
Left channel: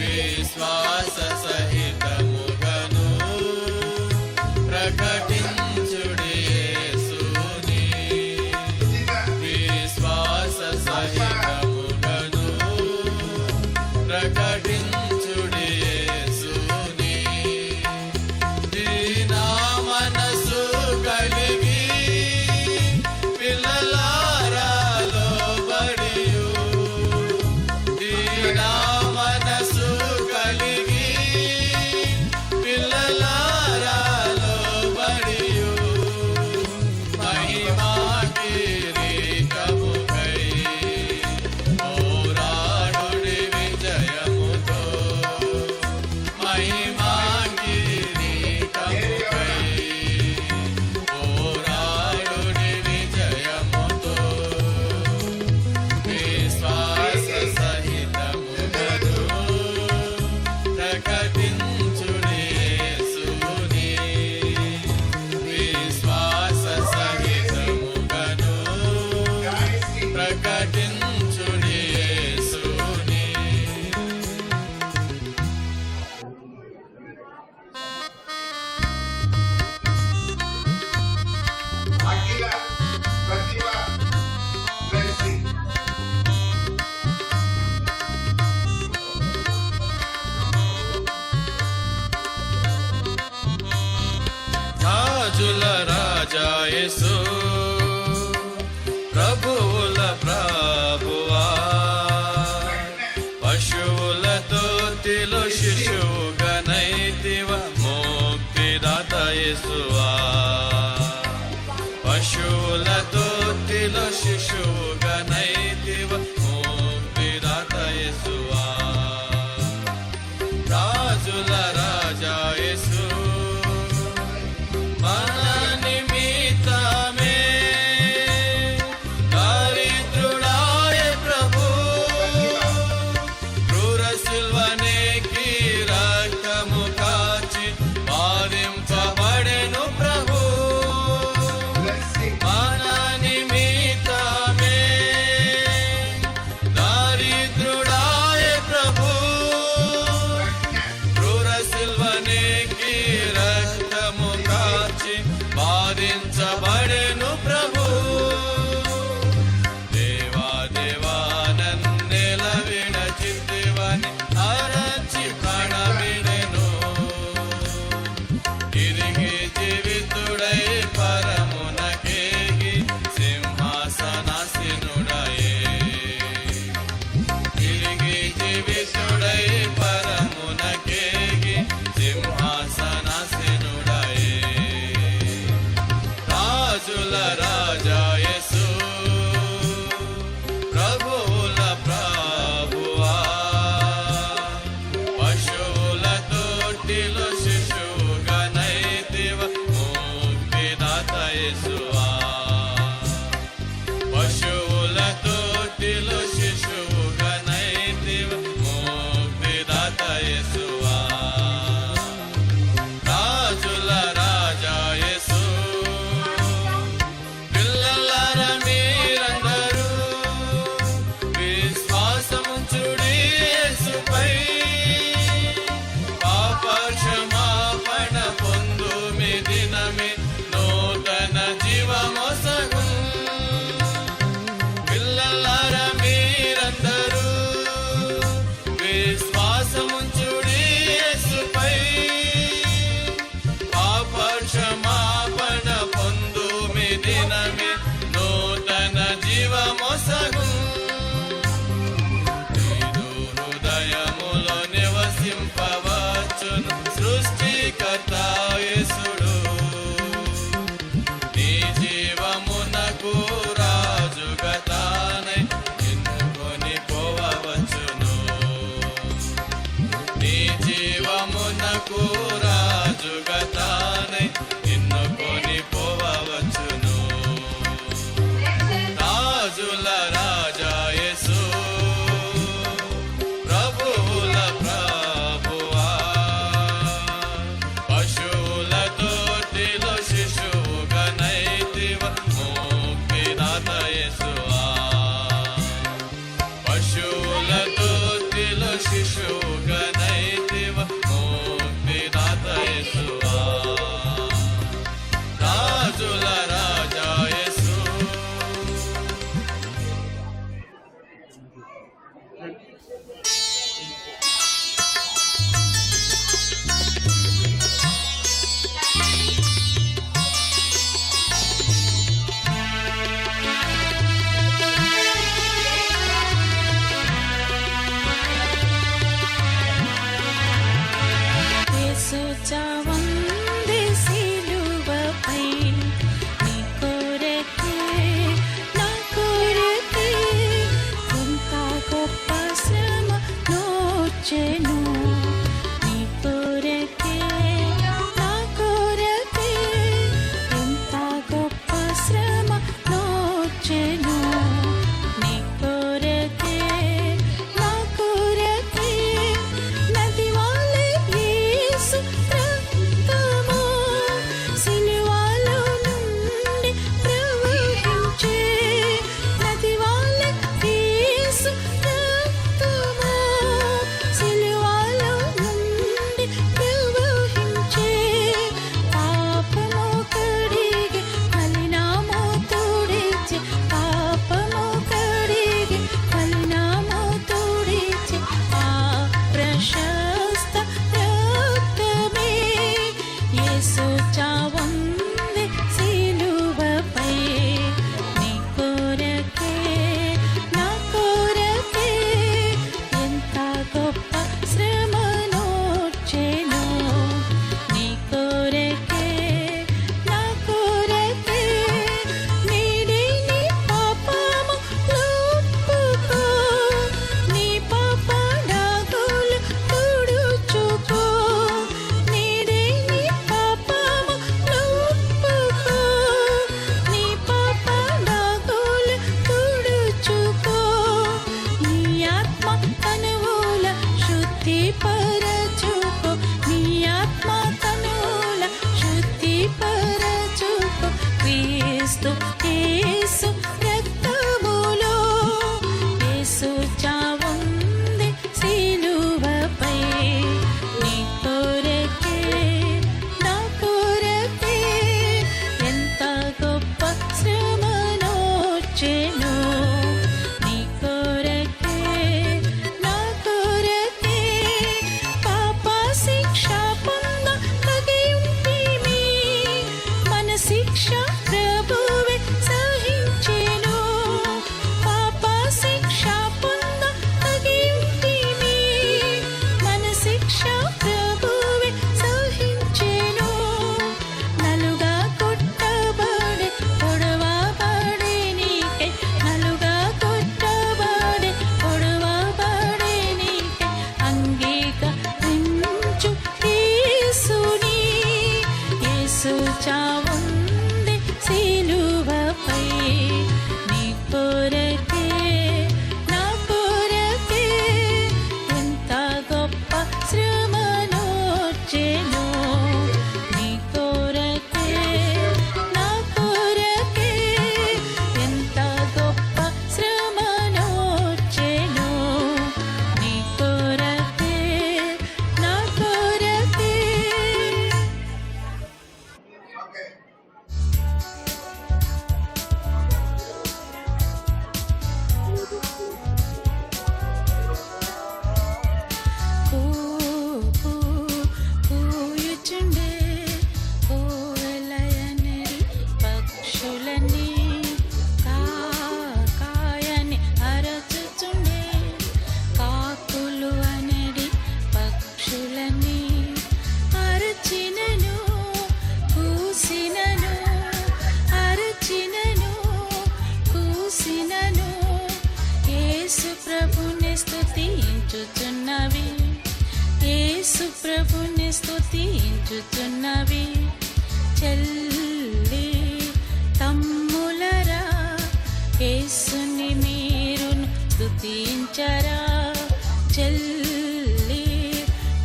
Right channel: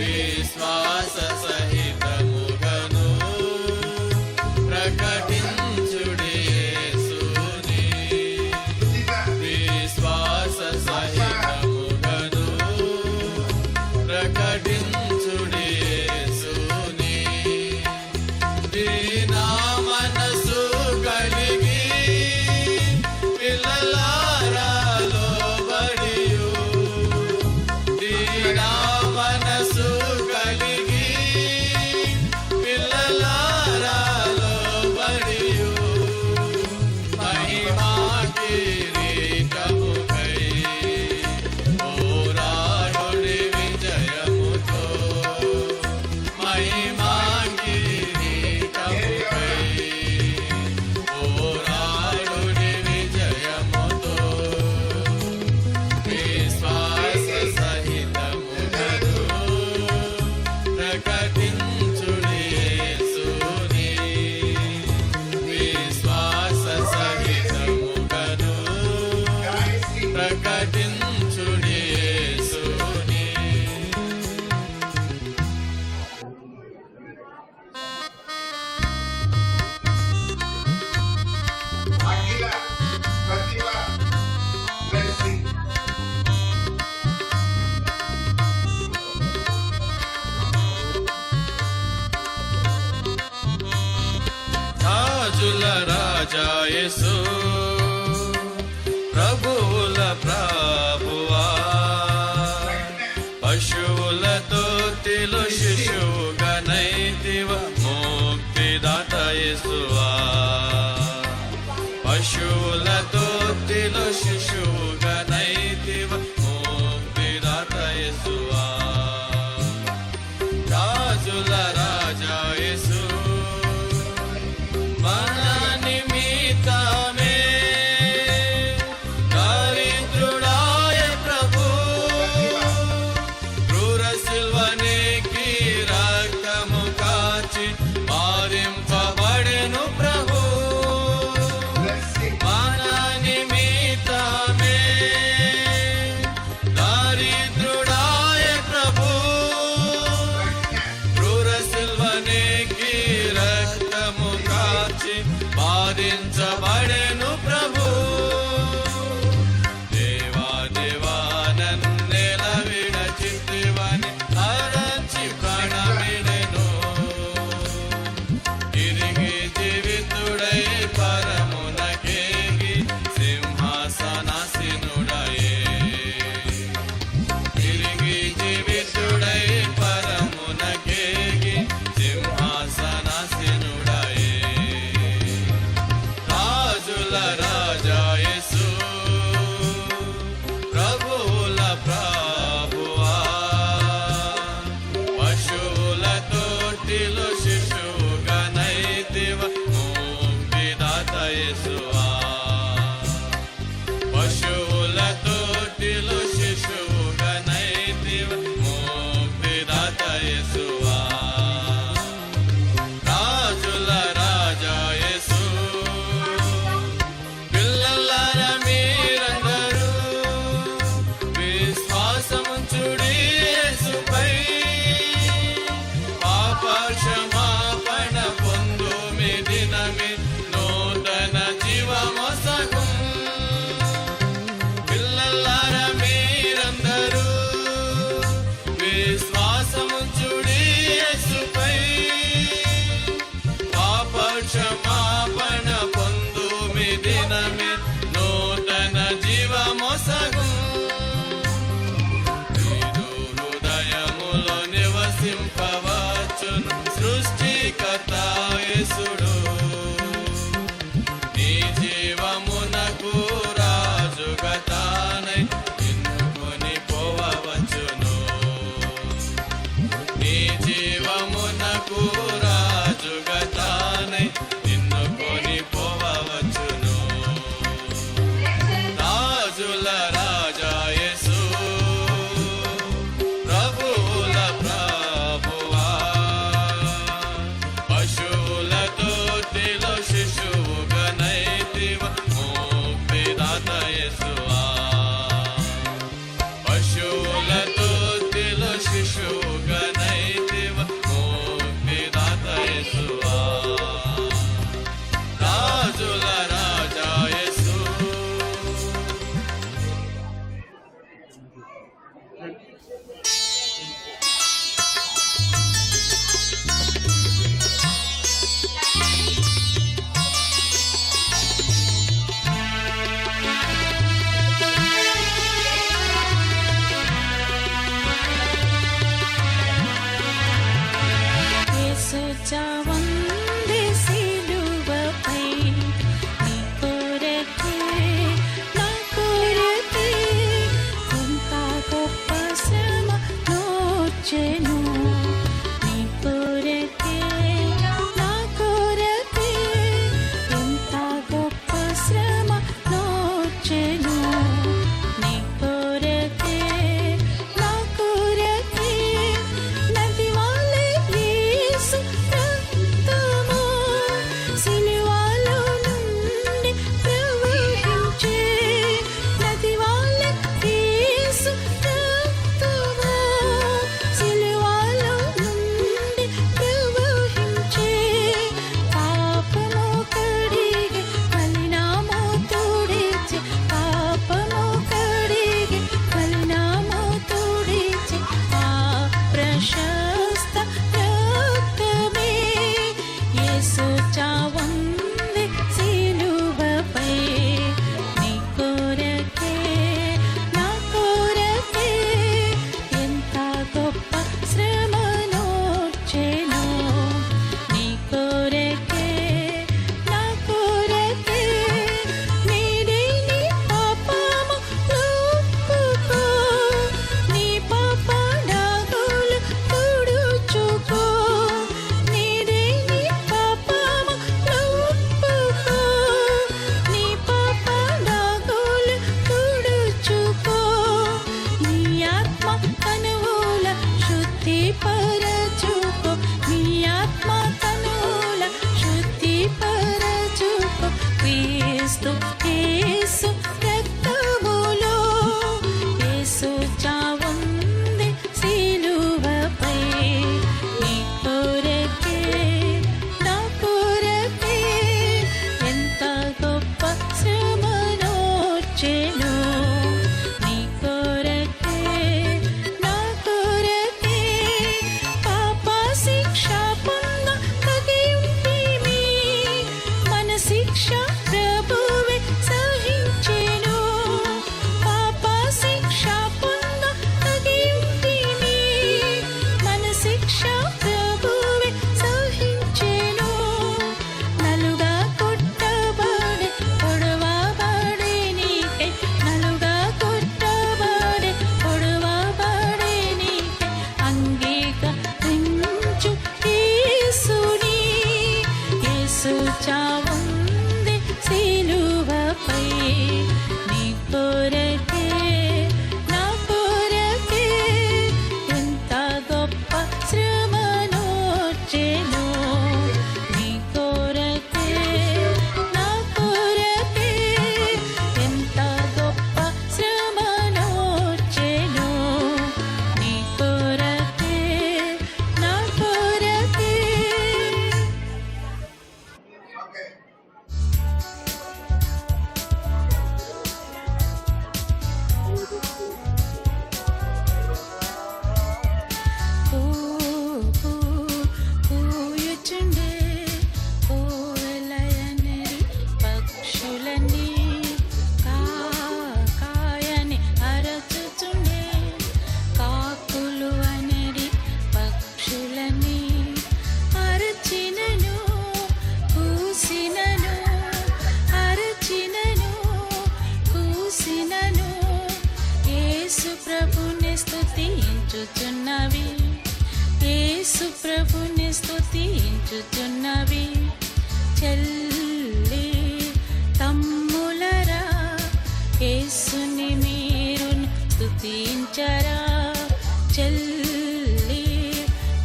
విశ్వాస సహితముగను ప్రకటించుడి యేసుని విశ్వాస సహితముగను ప్రకటించుడి యేసుని దీనా మనసు కలిగి పిల్లలారా లోబడియు దీనా మనసు కలిగి పిల్లలారా లోబడియు మహిమా కిరీటముకై పోరాడుడి విజయముతో మహిమా కిరీటముకై పోరాడుడి విజయముతో విశ్వాస సహితముగను ప్రకటించుడి యేసుని విశ్వాస సహితముగను ప్రకటించుడి యేసుని అఖిల ప్రతిభ బ్లెస్సింగ్ రాజుల రాజా యేసు ప్రభువుల ప్రభువా పశువులతో తిలు శిశువుగనైతివ ముక్తిదాత యేసువా పశువులతో తిలు శిశువుగనైతివ ముక్తిదాత యేసువా రాజుల రాజా యేసు మన నిమిత్తమే దరిద్రుడాయ ప్రభు క్రూర శిల్వనికి రక్తము కాచి బాధించబడెను ప్రభు బ్లెస్సింగ్ మన నిమిత్తమే దరిద్రుడాయ ప్రభు క్రూర శిల్వనికి రక్తము కాచి బాధించబడెను ప్రభు దేవా దేవా నన్నెల విడచితివని అరచి ప్రాణమిడెను తిరిగి జీవితుడై పరమునకేగి సింహాసనాసీనుడై తిరిగి జీవితుడై పరమునకేగి సింహాసనాసీనుడై రాజుల రాజా యేసు ప్రభువుల ప్రభువా పశువుల తోటిలో శిశువుగనైతివ ముక్తిదాత యేసువా పశువుల తోటిలో శిశువుగనైతివ ముక్తిదాత యేసువా రాజుల రాజా యేసు పిల్లలార మీరందరూ విశ్వాసముంచుడి యేసుపై పాప క్షమాపణ పొందు మీ దినమి నూతన జీవమసగు పిల్లలార మీరందరూ విశ్వాసముంచుడి యేసుపై పాప యేసు చావంది సిలువపై నీ కొరకే నా కొరకే ఎంత గొప్ప శ్రమ నోచెను నీ కొరకే నా కొరకే ఎంత గొప్ప శ్రమ నోచెను నీ కొరకే నా కొరకే నది వలె యేసు రక్తము సిలువలో నుండి ప్రవహించే నది వలె యేసు రక్తము సిలువలో నుండి ప్రవహించే పాపము కడిగి మలినము తుడిచి పాపము కడిగి మలినము తుడిచి ఆ ప్రశస్త రక్తమే యేసు చావుంది సిలువపై నీ కొరకే నా కొరకే ఎంత గొప్ప శ్రమ నోచెను నీ కొరకే నా కొరకే నీది నీ పాపము ఒప్పుకో నీ పాప నాగులు తుడుచుకో నీది నీ పాపము ఒప్పుకో నీ పాప నాగులు తుడుచుకో నీ ఆత్మ తనువుల శుద్ధి పరచుకో నీ ఆత్మ తనువుల శుద్ధి పరచుకో క్రీస్తు యేసు రక్తములో యేసు చావుంది సిలువపై నీ కొరకే నా కొరకే ఎంత గొప్ప శ్రమ నోచెను నీ కొరకే నా కొరకే పాప శిక్ష పొంద తగియుంటిమి మన శిక్ష ప్రభువే సహించెను పాప శిక్ష పొంద తగియుంటిమి మన శిక్ష ప్రభువే సహించెను నలుగా కొట్టబడే పొడవబడే నీకే నలుగా కొట్టబడే పొడవబడే నీకే అంగీకరించు యేసుని యేసు చావుంది సిలువపై నీ కొరకే నా కొరకే ఎంత గొప్ప శ్రమ నోచెను నీ కొరకే నా కొరకే ఎంత గొప్ప శ్రమ నోచెను నీ కొరకే నా కొరకే ఓకే పోయచుండే కోవెలయనిరి పక్షులని కాయని అరచుచుండే కాకులు అనేది పక్షులని అరచినను కూసినను అరచినను కూసినను యేసు ప్రభుని స్తుతించుచున్నవి యేసు ప్రభుని స్తుతించుచున్నవి చెల్లి తమ్ములరా యేసుని మీరు స్తుతించరా చెల్లి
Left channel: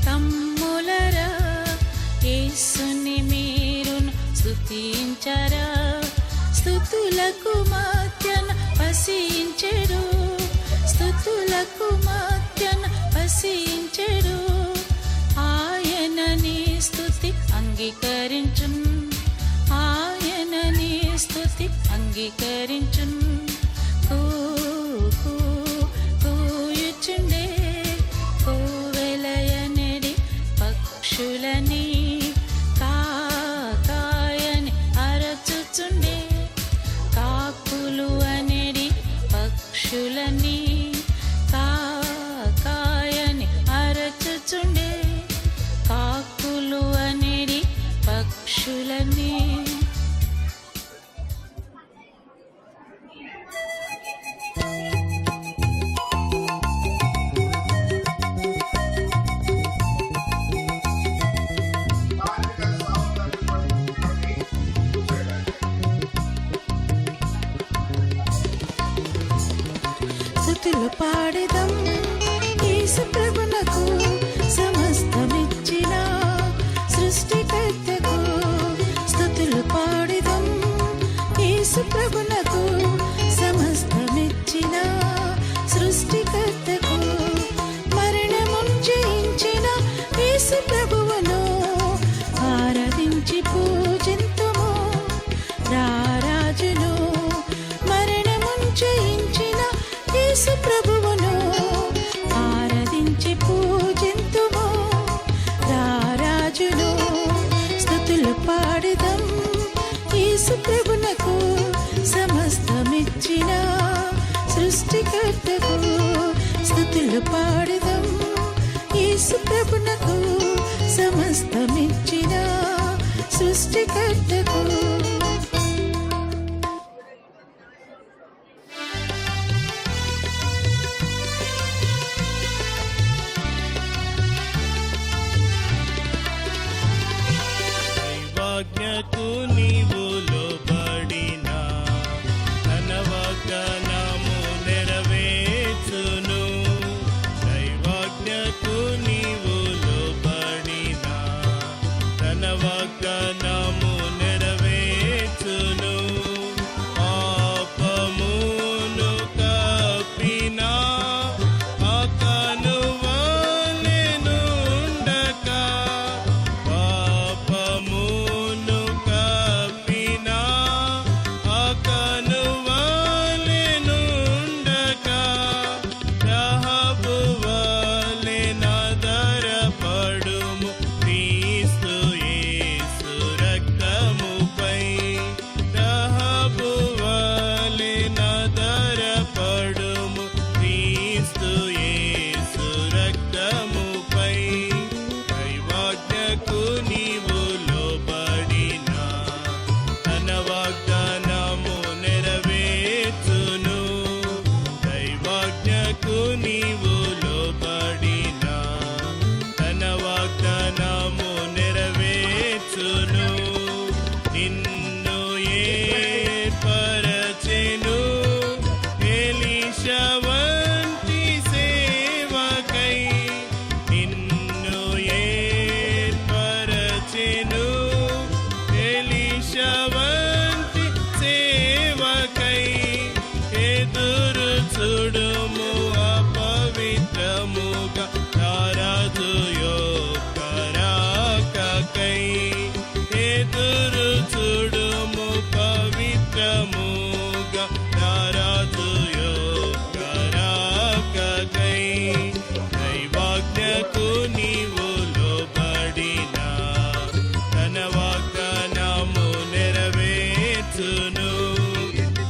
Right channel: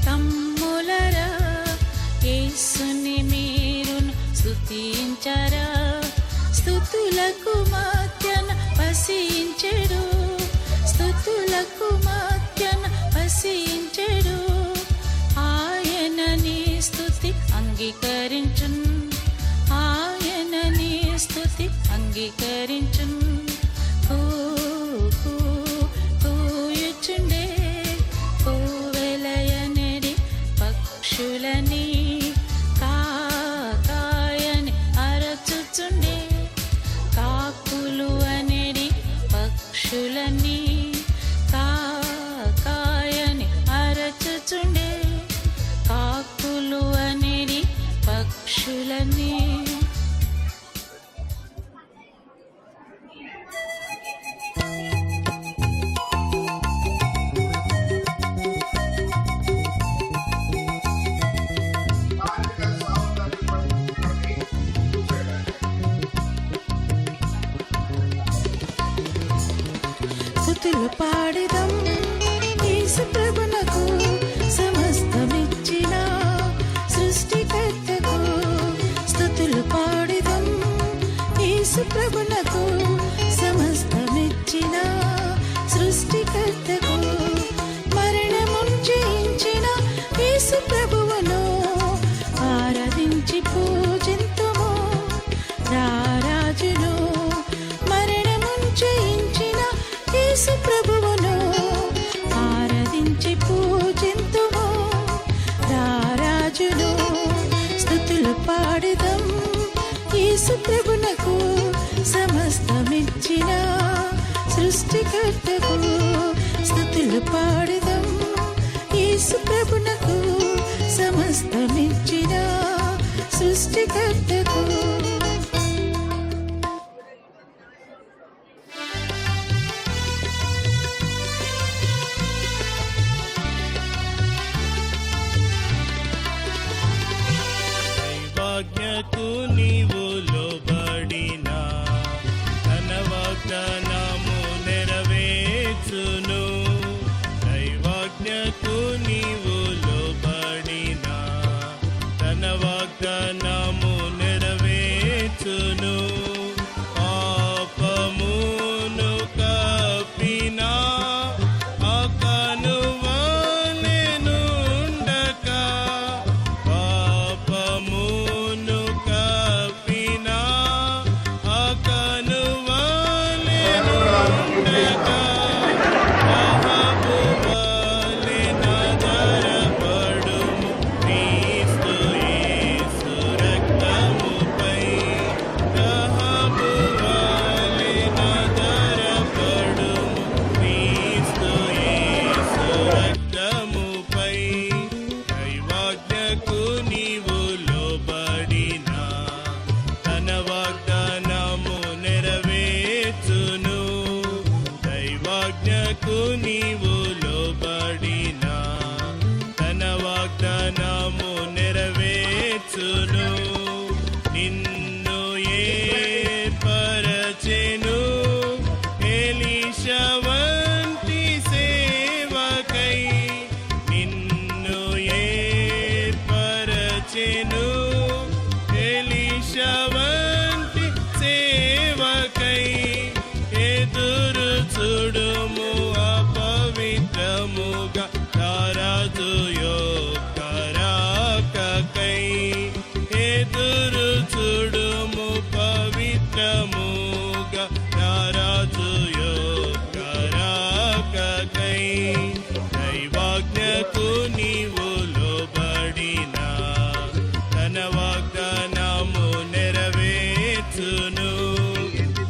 తమ్ములరా యేసుని మీరు స్తుతించరా స్తుతులకు మధ్యన వసించెడు స్తుతులకు మధ్యన వసించెడు ఆయన నీ స్తుతి అంగీకరించున్ ఆయన నీ స్తుతి అంగీకరించున్ కూయుచుండే కోవెలయనిరి పక్షులని కాయని అరచుచుండే కాకులు అనేది పక్షులని కాయని అరచుచుండి కాకులు అనిరి పక్షులని బాలిక సౌందర్యం పట్టుకొని కూర్చోండి. స్తుతులు పాడిదం యేసు ప్రభునకు సమస్తమిచ్చిన సృష్టికర్తకు స్తుతులు పాడిదం యేసు ప్రభునకు సమస్తమిచ్చిన సృష్టికర్తకు మరణమును జయించిన యేసు ప్రభువును ఆరాధించి పూజింతుము రారాజును మరణమును జయించిన యేసు ప్రభువును ఆరాధించి పూజింతుము రారాజును స్తుతులు పాడిదం యేసు ప్రభునకు సమస్తమిచ్చిన సృష్టికర్తకు స్తుతులు పాడిదం యేసు ప్రభునకు సమస్తమిచ్చిన సృష్టికర్తకు దైవాజ్ఞకు నీవు లోబడినా తన వాగ్దానము నెరవేర్చును. దైవాజ్ఞకు నీవు లోబడినా తన వాగ్దానము నెరవేర్చును. పాపమును కప్పిన అతనువా నేనుండక పాపమును కప్పిన అతనువా నేనుండక రాహబువలె ఆధారపడు క్రీస్తు యేసు రక్తముపై రాహబువలె ఆధారపడుము క్రీస్తు యేసు రక్తముపై దైవాజ్ఞకు నీవు లోబడినా తన వాగ్దానము నెరవేర్చును. దైవాజ్ఞకు నీవు లోబడినా తన వాగ్దానము నెరవేర్చును. నిన్ను ఏర్పరచెను ఎలీషా వంటి సేవకై నిన్ను ఏర్పరచెను ఎలీషా వంటి సేవకై ఎదురు చూడుము అపవిత్రముగా రాజు రాకకై ఎదురు చూడుము పవిత్రముగా రాజు రాకకై దైవాజ్ఞకు నీవు లోబడినా తన వాగ్దానము నెరవేర్చును.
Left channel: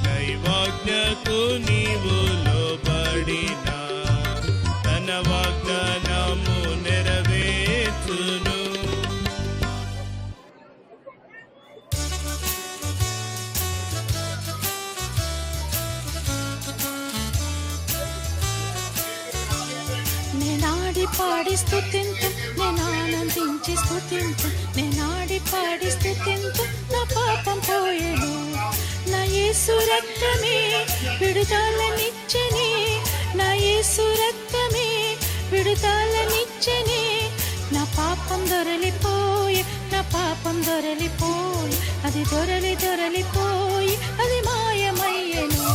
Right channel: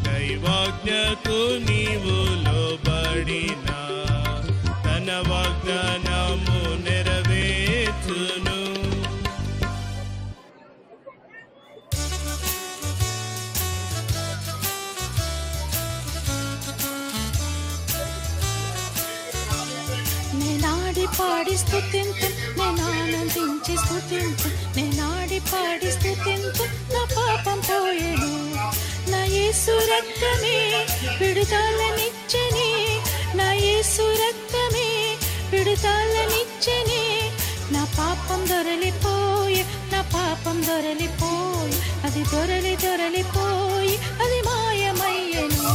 దైవాజ్ఞకు నీవు లోబడినా తన వాగ్దానము నెరవేర్చును. నేనాడి పాడి స్తుతింతు నేనానందించి స్తుతింతు నేనాడి పాడి స్తుతింతు నా పాపం పోయెను నా యేసు రక్తమే విడుదలనిచ్చెని నా యేసు రక్తమే విడుదలనిచ్చెని నా పాపం దొరలిపోయి నా పాపం దొరలిపోయి అది దొరలిపోయి అది మాయమయ్యను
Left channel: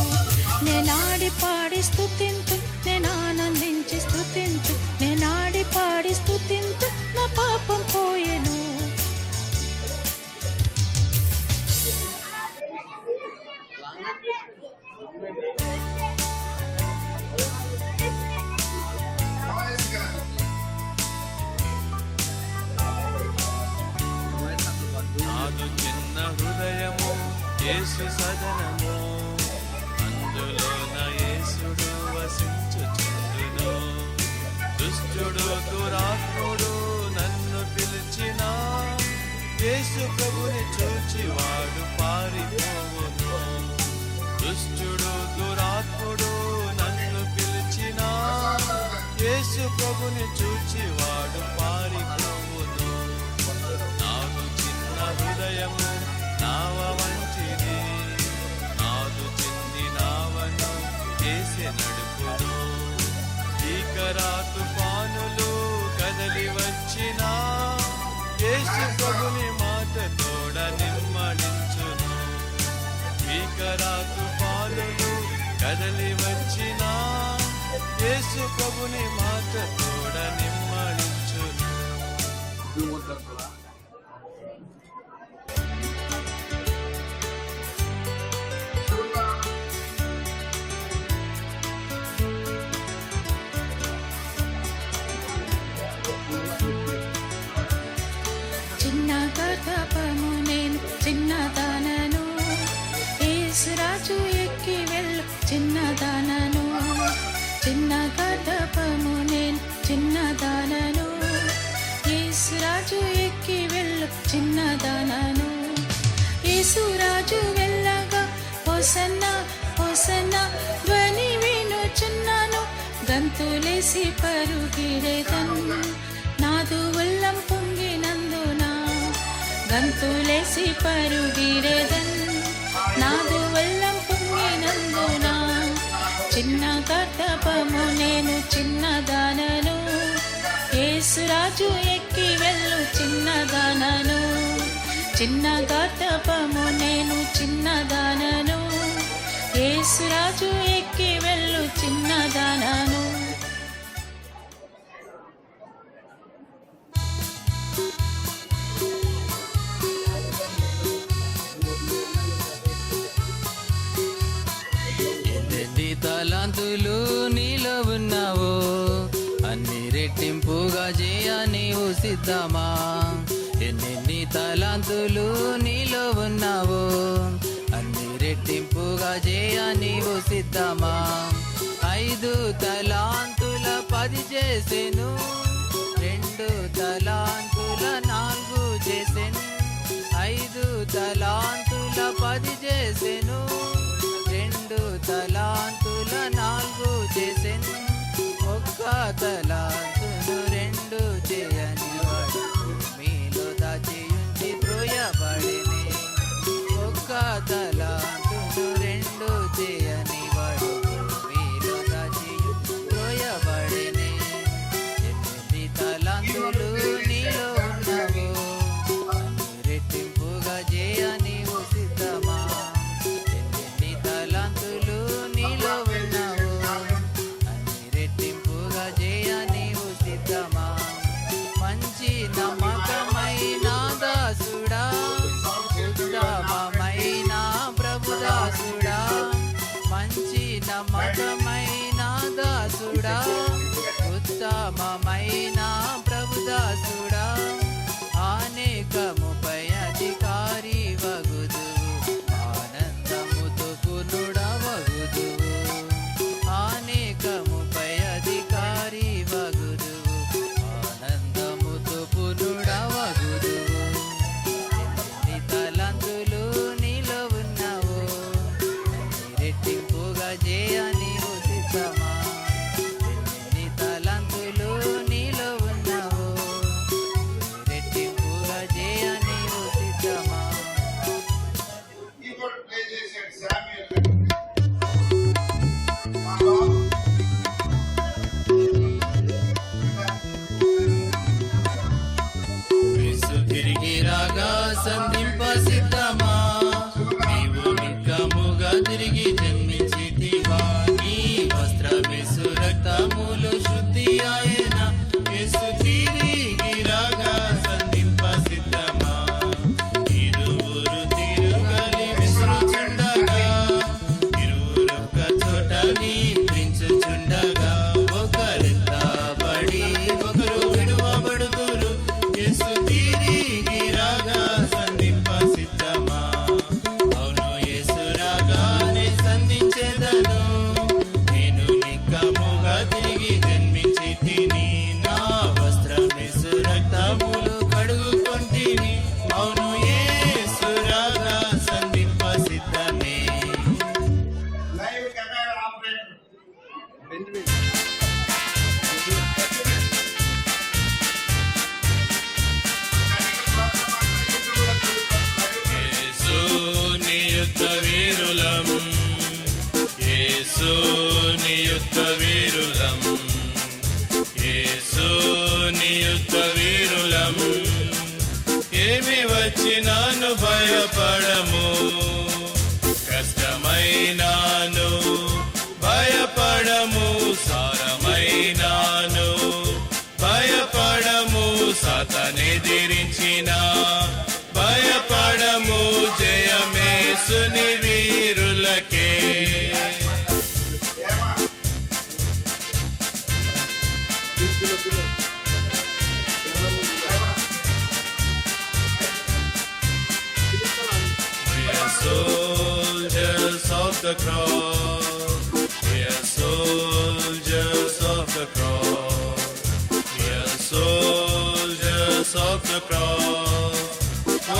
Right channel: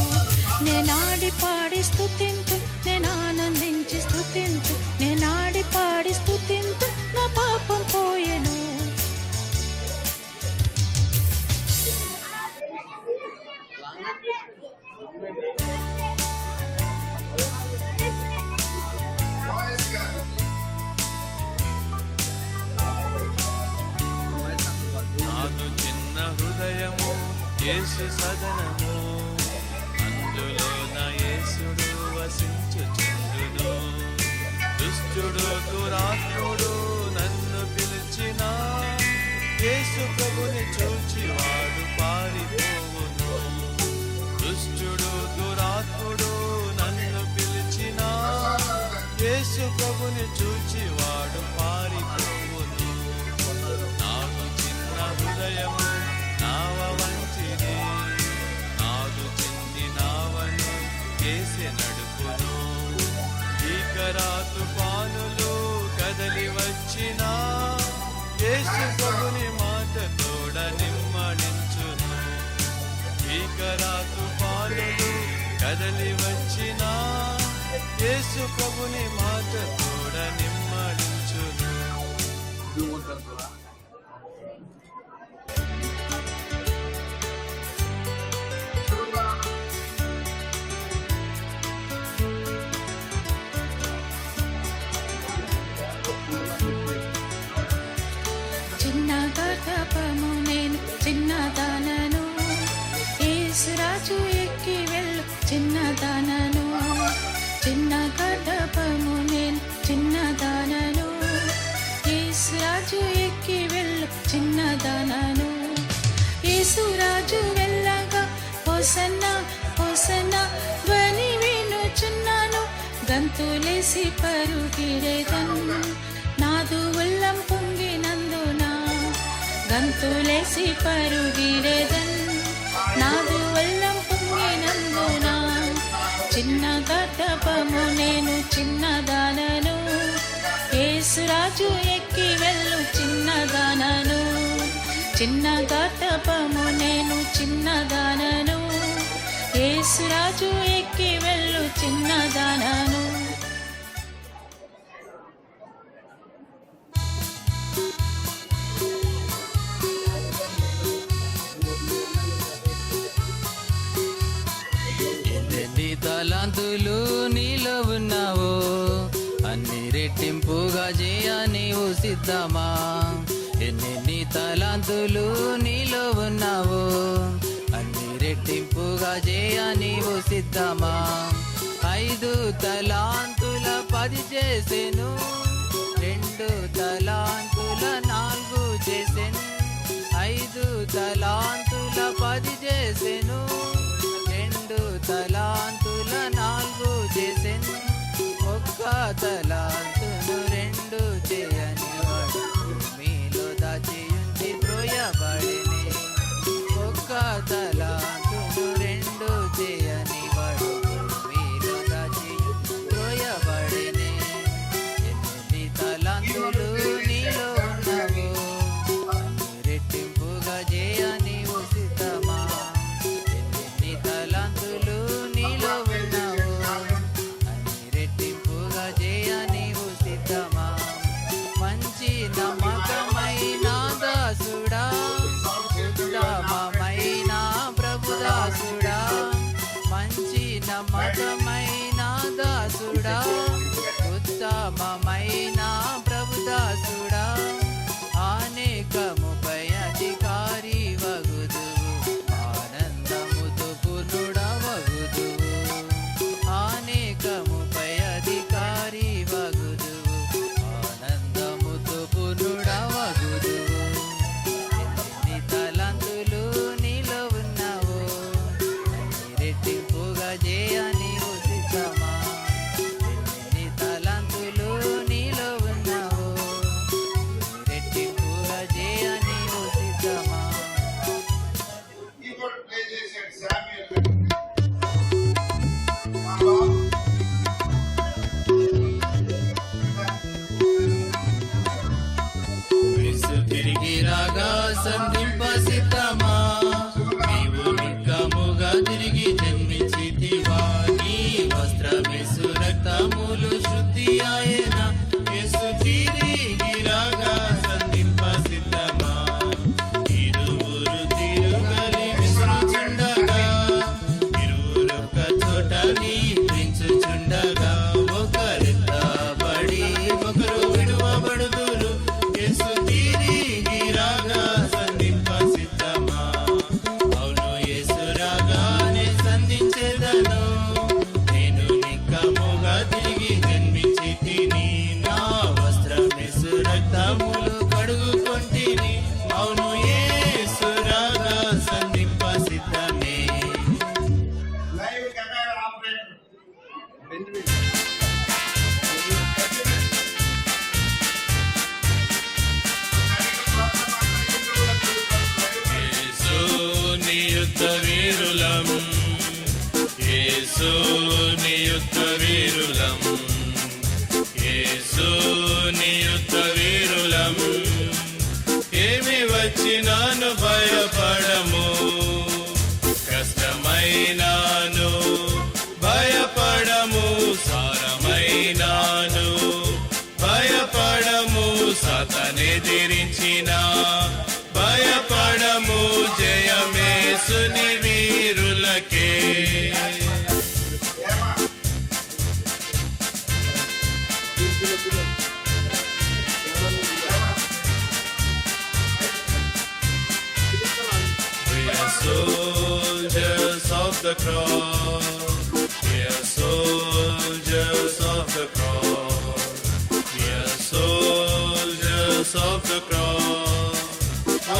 నేనాడి పాడి స్తుతింతు నేను ఆనందించి స్తుతింతు నేనాడి పాడి స్తుతింతు నా పాపం పోయెను వాయిస్ గారు నాదు చిన్న హృదయం యేసు సదనము అందులో నా యేసుడు వసించుచుండును. దుష్టుడు దురాత్ముడు నన్ను పిలిచిన యేసు ప్రభుని చూచి వాడు పారిపోవును. దుష్టుడు దురాత్ముడు నన్ను పిలిచిన యేసు ప్రభుని చూచి వాడు పారిపోవును. నాకు చిన్న హృదయము నావ వంచిది, నాలు చిన్ని నావను వేసి నడుపును. భీకరా తుఫానులు కదలి వచ్చిన యేసు ప్రభుని మాట తోడ నిమ్మలించును. భీకరా తుఫానులు కదలి వచ్చిన యేసు ప్రభుని మాట తోడ నిమ్మలించును. शुरू చిన్న గర్భము నేను చిన్నదానను, యేసురాజు ఎక్కి వెళ్ళు చిన్నదానను. చిన్న గర్భము నేను చిన్నదానను, యేసురాజు ఎక్కి వెళ్ళు చిన్నదానను. యేసురాజు వెళ్ళగా హోసన్న హోసన్న ధ్వని వినుచున్నాను. గంతులేసి పరుగిరేదను, నాదు ఉల్లం పొంగినందున. గంతులేసి పరుగిరేదను, నాదు ఉల్లం పొంగినందున. చిన్న గర్భము నేను చిన్నదానను, యేసురాజు ఎక్కి వెళ్ళు చిన్నదానను. చిన్న గర్భము నేను చిన్నదానను, యేసురాజు ఎక్కి వెళ్ళు చిన్నదానను. ఎన్ని తలాంతులు నీలో ఉన్నావో అన్ని రెట్టింపుగా చేయ నీవు సిద్ధమా. ఎన్ని తలాంతులు నీలో ఉన్నావో అన్ని రెట్టింపుగా చేయ నీవు సిద్ధమా. 5 తలాంతుల 10 చేసెను, 2 తలాంతుల 4 చేసెను. 5 తలాంతుల 10 చేసెను, 2 తలాంతుల 4 చేసెను. 1 తలాంతులు 2 చేయని మీలో దాచి ఉంచి త్రోయబడిని. 1 తలాంతులు 2 చేయని వాడు మీలో దాచి త్రోయబడిని. 8 తలాంతులు నీలో ఉన్నవి, అన్ని రెట్టింపుగా చేయ నీవు సిద్ధమా. పాదములు కడుగుకొంటిని అవును యేసు రాగా సమీప సిద్ధమే. లైవ్ కెమెరా ఆపరేటర్ బెంజమిన్ జరిగిన ప్రోగ్రామ్ అంతా యూట్యూబ్ లో చూసుకోవచ్చు. లైవ్ లో యేసు నీ యుద్ధ వీరులం, యేసు నీ యుద్ధ వీరులం, యేసు నీ యుద్ధ వీరులం. ఏమి వచ్చినాను భయపడము, కష్టమైనాను భయపడము, సారమైనాను భయపడము, సాతానెదిరించిన భయపడము, జయమేసుని వీరులకే. ఏమా We are soldiers of the cross. We are soldiers of the cross. We are soldiers of the cross.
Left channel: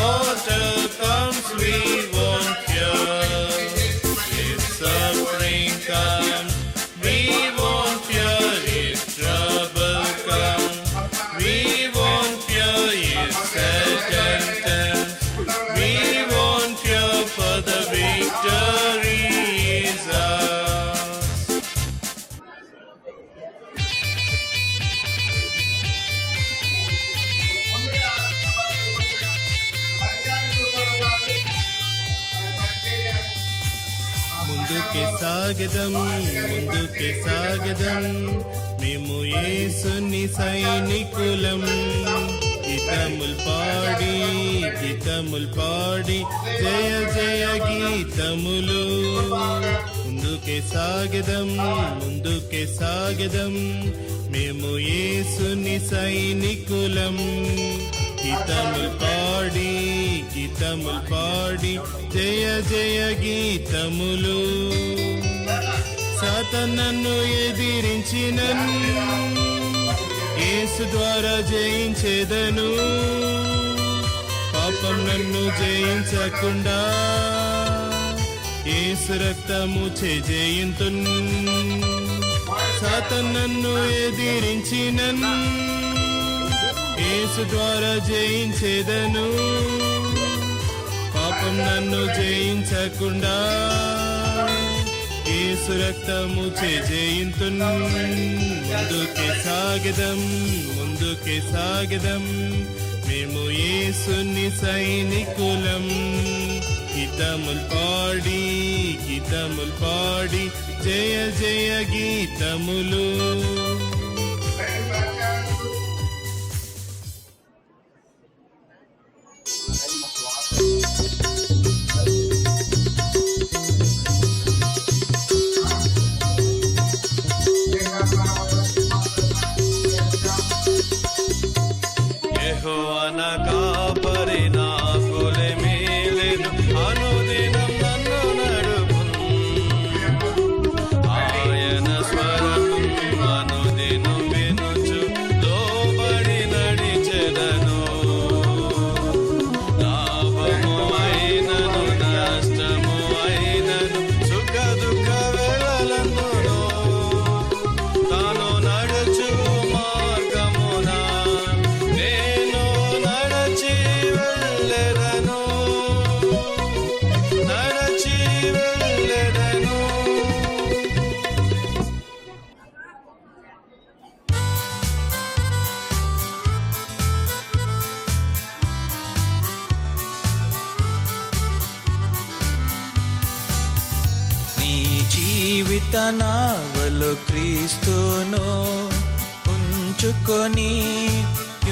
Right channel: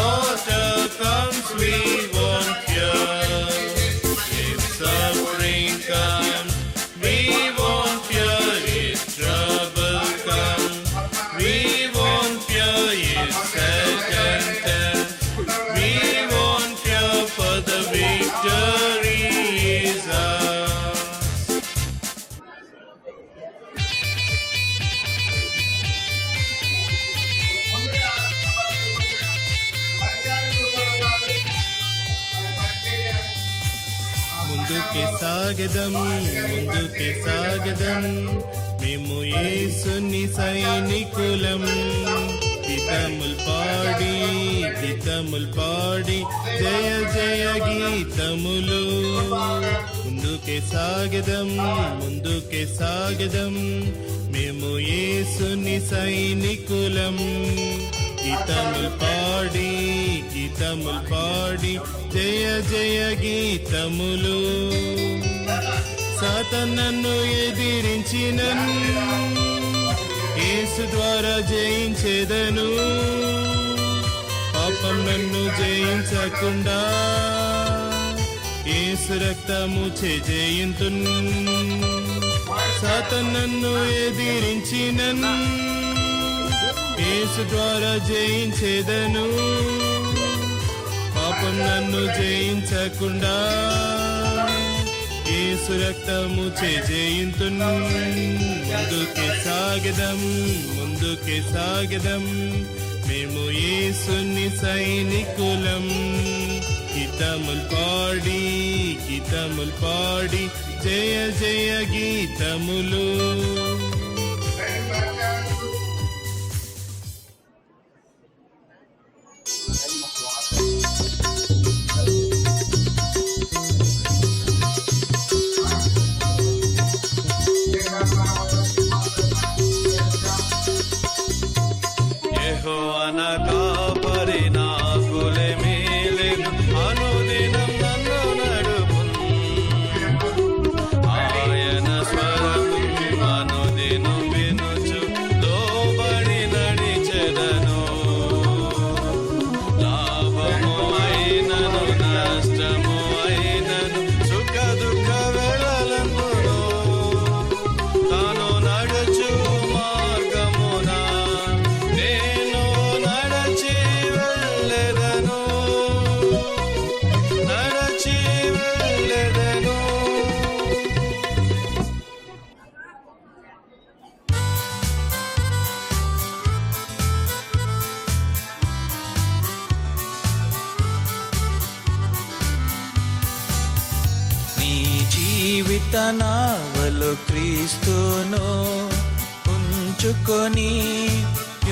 After comes we won't fear. If suffering comes, we won't fear. If trouble comes, we won't fear. If Satan comes, we won't fear, for the victory is ours. ముందుగా పరిచారకులు కూడా ఉన్నారు. మరి పరిచర్య ముందుకి సాగదం, ముందుకి సాగదం, మేము యేసుని సైనికులం. గీతములు పాడి, గీతములు పాడి, జయ జయ గీతములు. ముందుకి సాగదం, ముందుకి సాగదం, మేము యేసుని సైనికులం. గీతములు పాడి, గీతములు పాడి, జయ జయ గీతములు. సాతానును ఎదిరించిన యేసు ద్వారా జయించేదను. పాపం నన్ను జయించకుండా యేసు రక్తము చే జయింతున్. సాతానును ఎదిరించిన యేసు ద్వారా జయించేదను. పాపం నన్ను జయించకుండా యేసు రక్తము చే జయింతున్. ముందుకే సాగదం, ముందుకే సాగదం, మేము యేసుని సైనికులం. గీతములు పాడి, గీతములు పాడి, జయ జయ గీతములు. లైవ్ పరిచారకులు యెహోవా నా కాపరి, నాకులేమీ లేదు. అనుదినం నన్ను నడుపును. ఆయన స్వరము అనుదినం వినుచు లోబడి నడిచెదను. లాభము అయినను నష్టము అయినను సుఖ దుఃఖ వేళలందును తాను నడుచు మార్గమున నేను నడచి వెళ్ళెదను, నడచి వెళ్ళెదను. నీ జీవిత నావలు క్రీస్తును ఉంచుకొని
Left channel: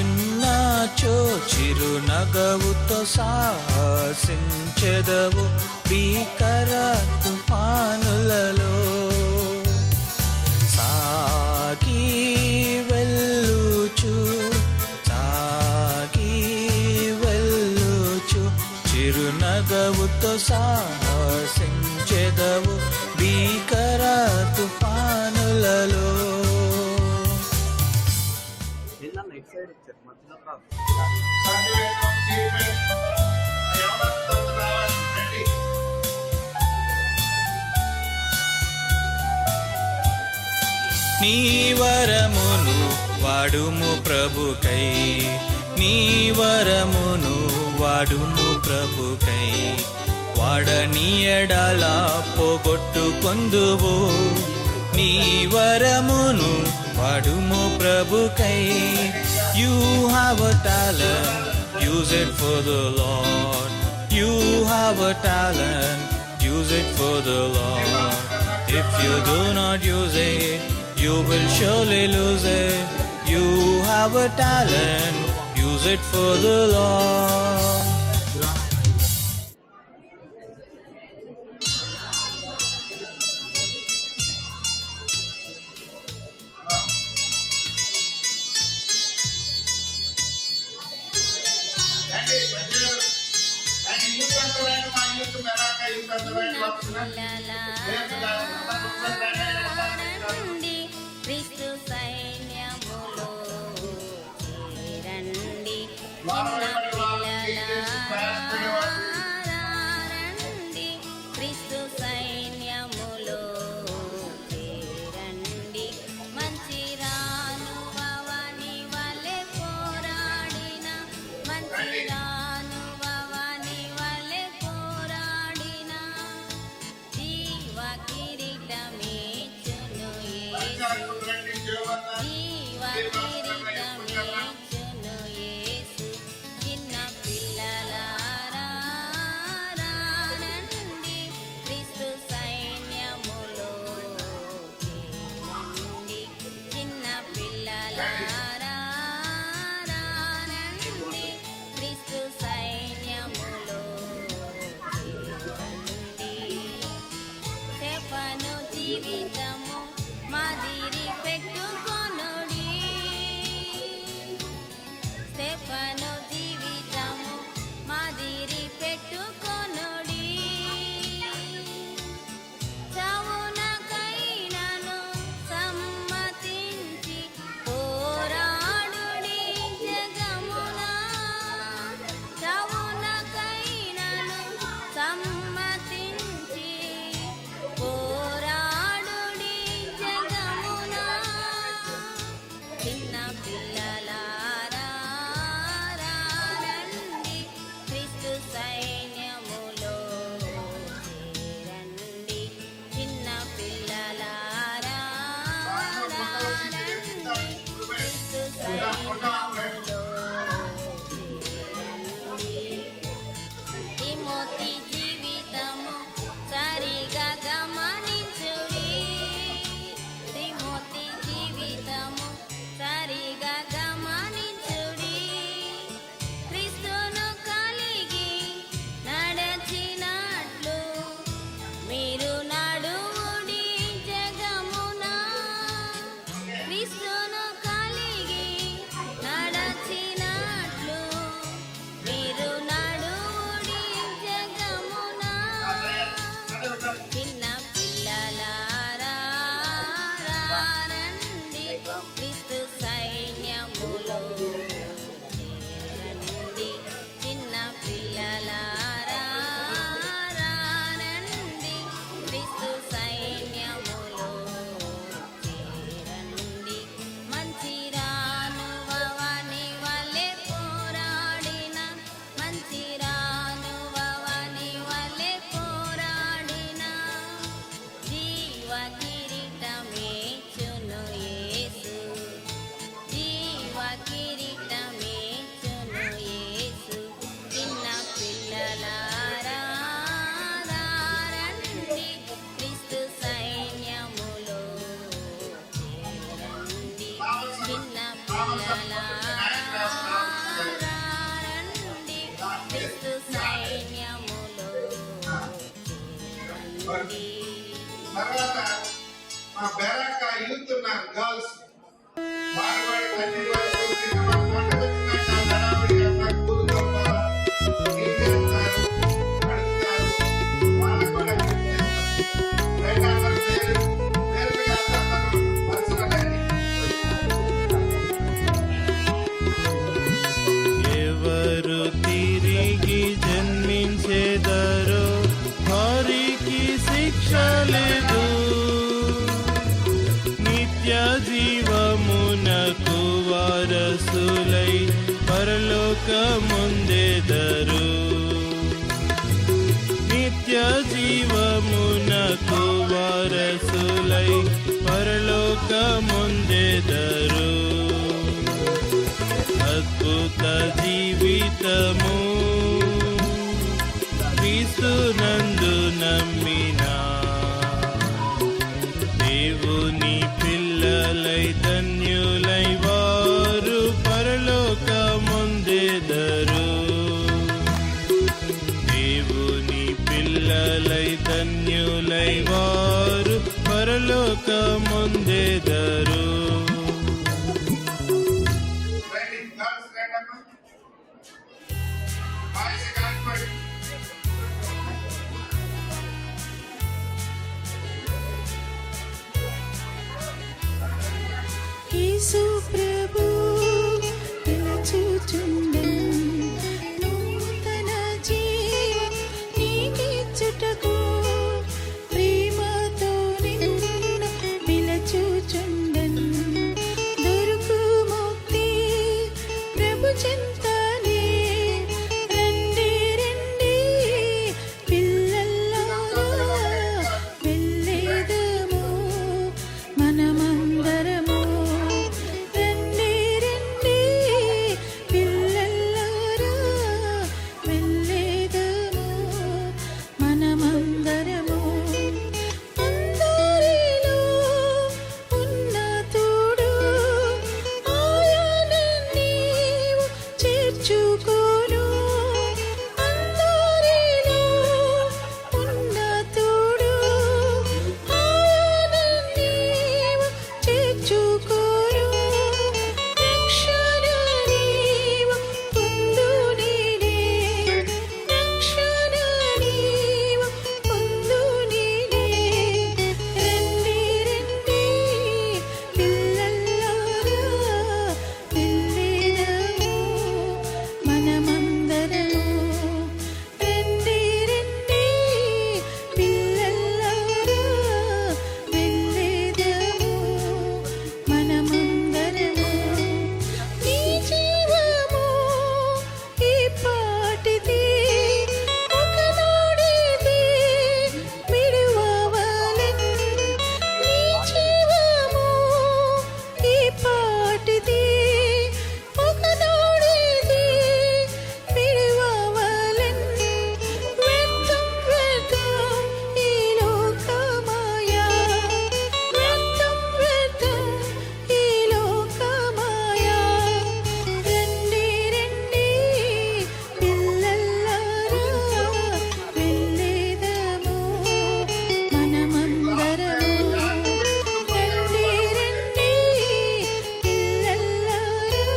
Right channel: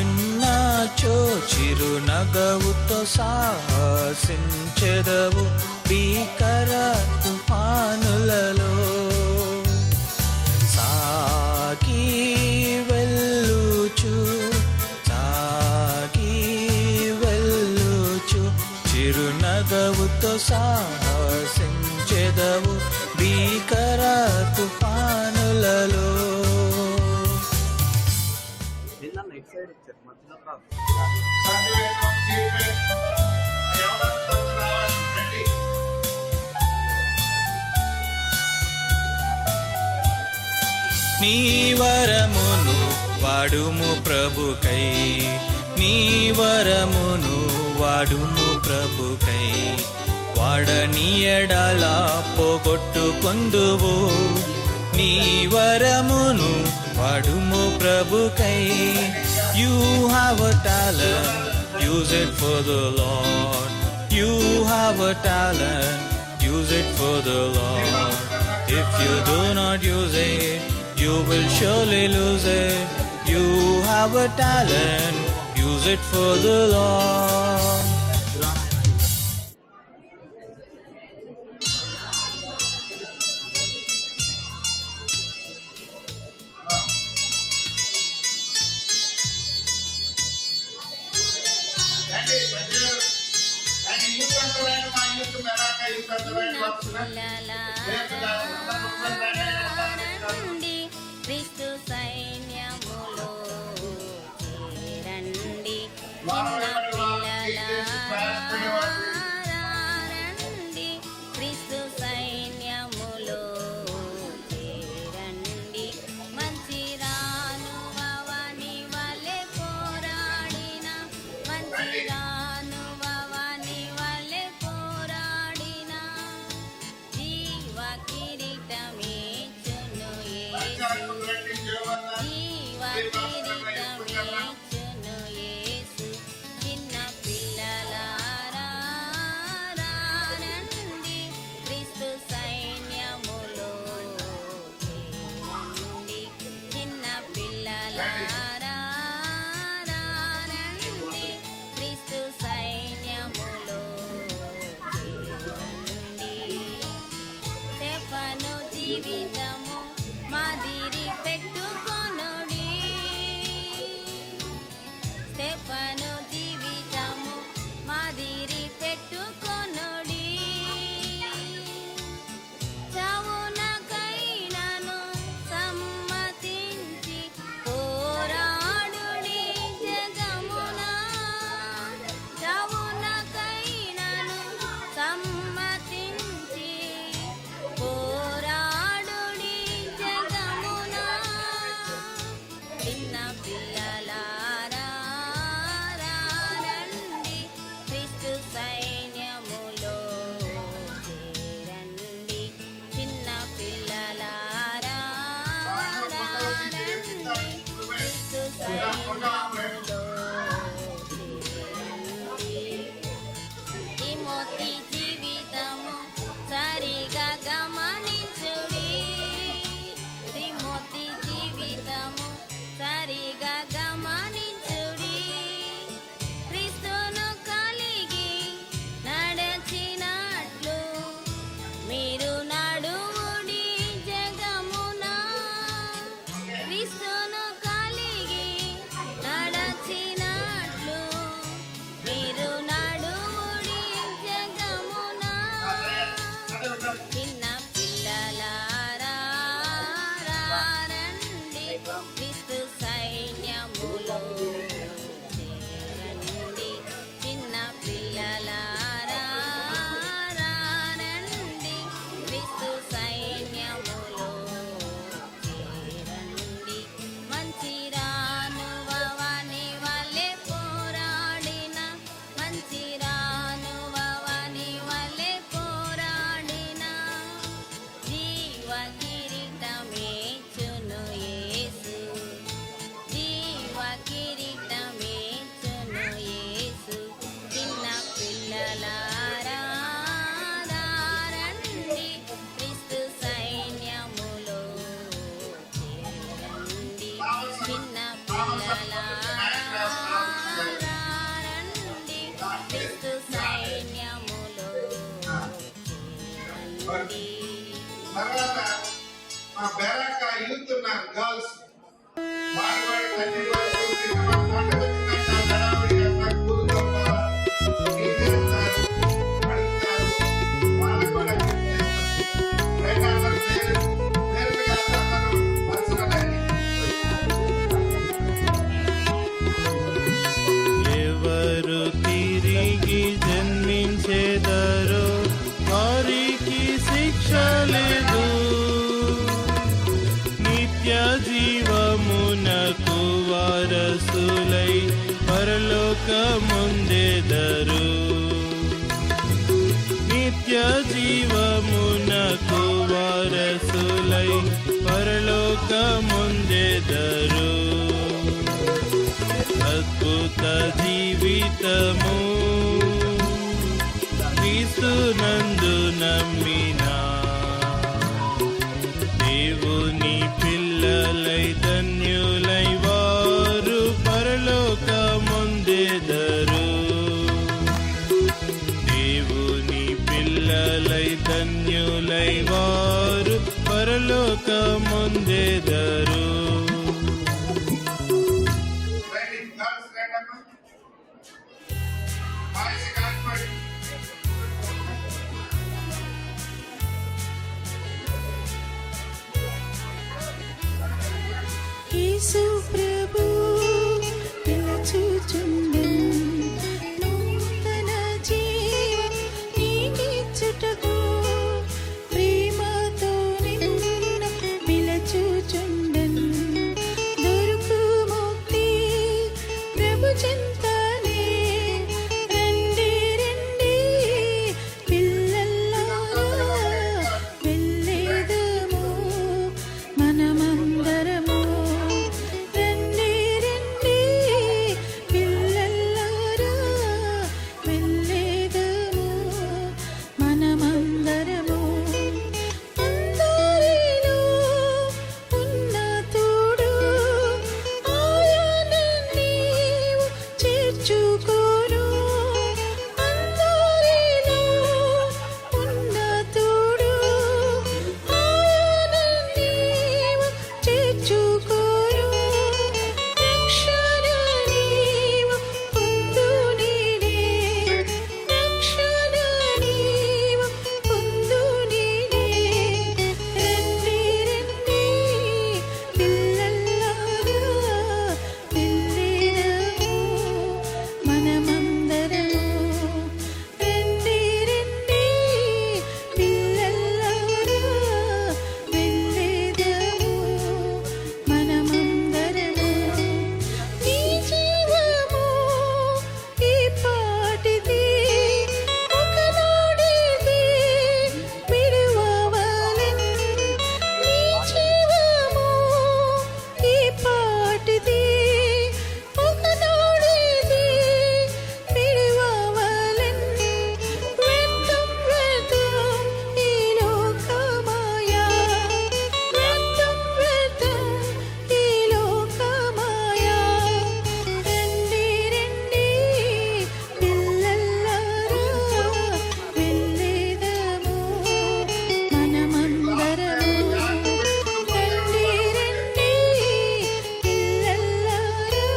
ఉన్నాచో చిరునగవుతో సాహసించెదవు భీకర తుఫానులలో. సాగి వెళ్ళుచు, సాగి వెళ్ళుచు, చిరునగవుతో సాహసించెదవు భీకర తుఫానులలో. సత్యవేదం స్టీఫెన్ యవనస్తులంతా రావాలి రండి. నీ వరమును వాడుము ప్రభుకై, నీ వరమును వాడుము ప్రభుకై, వాడని ఎడల పోగొట్టు పొందువు. నీ వరమును వాడుము ప్రభుకై. You have a talent, use it for the Lord. You have a talent, use it for the Lord. If you do not use it, you will surely lose it. You have a talent, use it for the Lord. రండి సత్యవేదం రండి. యూత్ అంతా రండి. మా యూత్ మెరాక యూత్ అంతా రండి. రండి క్రీస్తు సైన్యములో చేరండి. రండి క్రీస్తు సైన్యములో చేరండి. మంచి రానువని వలె పోరాడిన, మంచి రానువని వలె పోరాడిన జీవ కిరీటమేచును యేసు, జీవ కిరీటమేచును యేసు. చిన్న పిల్లలారా రండి క్రీస్తు సైన్యములో చేరండి. చిన్న పిల్లలారా రండి క్రీస్తు సైన్యములో చేరండి. స్టెఫను జీవితము మాదిరి పెట్టుకొనుడి, స్టెఫను జీవితము మాదిరి పెట్టుకొనుడి. చవునకైనను సమ్మతించి పోరాడుడి జగమున, చవునకైనను సమ్మతించి పోరాడుడి జగమున. చిన్న పిల్లలారా రండి క్రీస్తు సైన్యములో చేరండి. చిన్న పిల్లలారా రండి క్రీస్తు సైన్యములో చేరండి. తిమోతి జీవితము సరిగా గమనించుడి, తిమోతి జీవితము సరిగా గమనించుడి. క్రీస్తును కలిగి నడచినట్లు మీరు నడువుడి జగమున, క్రీస్తును కలిగి నడచినట్లు మీరు నడువుడి జగమున. చిన్న పిల్లలారా రండి క్రీస్తు సైన్యములో చేరండి. చిన్న పిల్లలారా రండి క్రీస్తు సైన్యములో చేరండి. మంచి రానువని వలె పోరాడిన, మంచి రానువని వలె పోరాడిన జీవ కిరీటమేచును యేసు, జీవ కిరీటమేచును యేసు. చిన్న పిల్లలారా రండి క్రీస్తు సైన్యములో చేరండి. చిన్న పిల్లలారా రండి క్రీస్తు సైన్యములో చేరండి. తర్వాత మా బెరాక యూత్ ఉన్నారు గర్ల్స్, వాడు కూడా తల్లి వాళ్ళు పంట వచ్చిందంటే ఆ హడావిడి అంతా కూలు దొరపాలా, క్లీన్ చేస్తారు, అడుగుతారు, వాళ్ళకు కూడా గిఫ్ట్ ఇస్తారు. రైట్ అందరు పేరుగా అందరూ వరుసగా రండి. ఎవరు తిరిగి జన్మించేదరో వారికి శిక్ష లేదు, నిత్య జీవమునకు వారసులై పరలోకముందెదరు. నిత్య జీవమునకు వారసులై పరలోకముందెదరు. అద్భుత జీవితము క్రీస్తునందు నమ్మినా దేవుని పిల్లలై ధన్యులై వారు పరలోకముందెదరు. దేవుని పిల్లలై ధన్యులై వారు పరలోకముందెదరు. రండి గర్ల్స్ రండమ్మా, బాయ్స్ కానిపడి. యేసు ప్రభు పిలచుచుండెను నూతన జీవం నీకిచ్చుటకు, ప్రేమతో నిన్ను పిలచుచుండెను. దొరుకు ముక్తి ప్రభు చెంతనే, రండి రండి పిల్లలారా వెళ్ళేదము మనమందరము. రండి రండి పిల్లలారా వెళ్ళేదము మనమందరము. అందరిలో ఉన్న తోడు ఆయన నీవు చేర్చుకోను. అందరిలో ఉన్న తోడు ఆయన నీవు చేర్చుకోను. రక్షణ నీవు పొందు నేనే, రక్షణ నీవు పొందు నేనే. రండి రండి పిల్లలారా వెళ్ళేదము మనమందరము. రండి రండి పిల్లలారా వెళ్ళేదము మనమందరము. నీ జీవము ఈ పాటిది, ఒకనాడిది విడువవలెన్. నీ జీవము ఈ పాటిది, ఒకనాడిది విడువవలెన్. వ్యర్థం వ్యర్థం ఈ లోకమాయా, వ్యర్థం వ్యర్థం ఈ లోకమాయా. రండి రండి పిల్లలారా వెళ్ళేదము మనమందరము. రండి రండి పిల్లలారా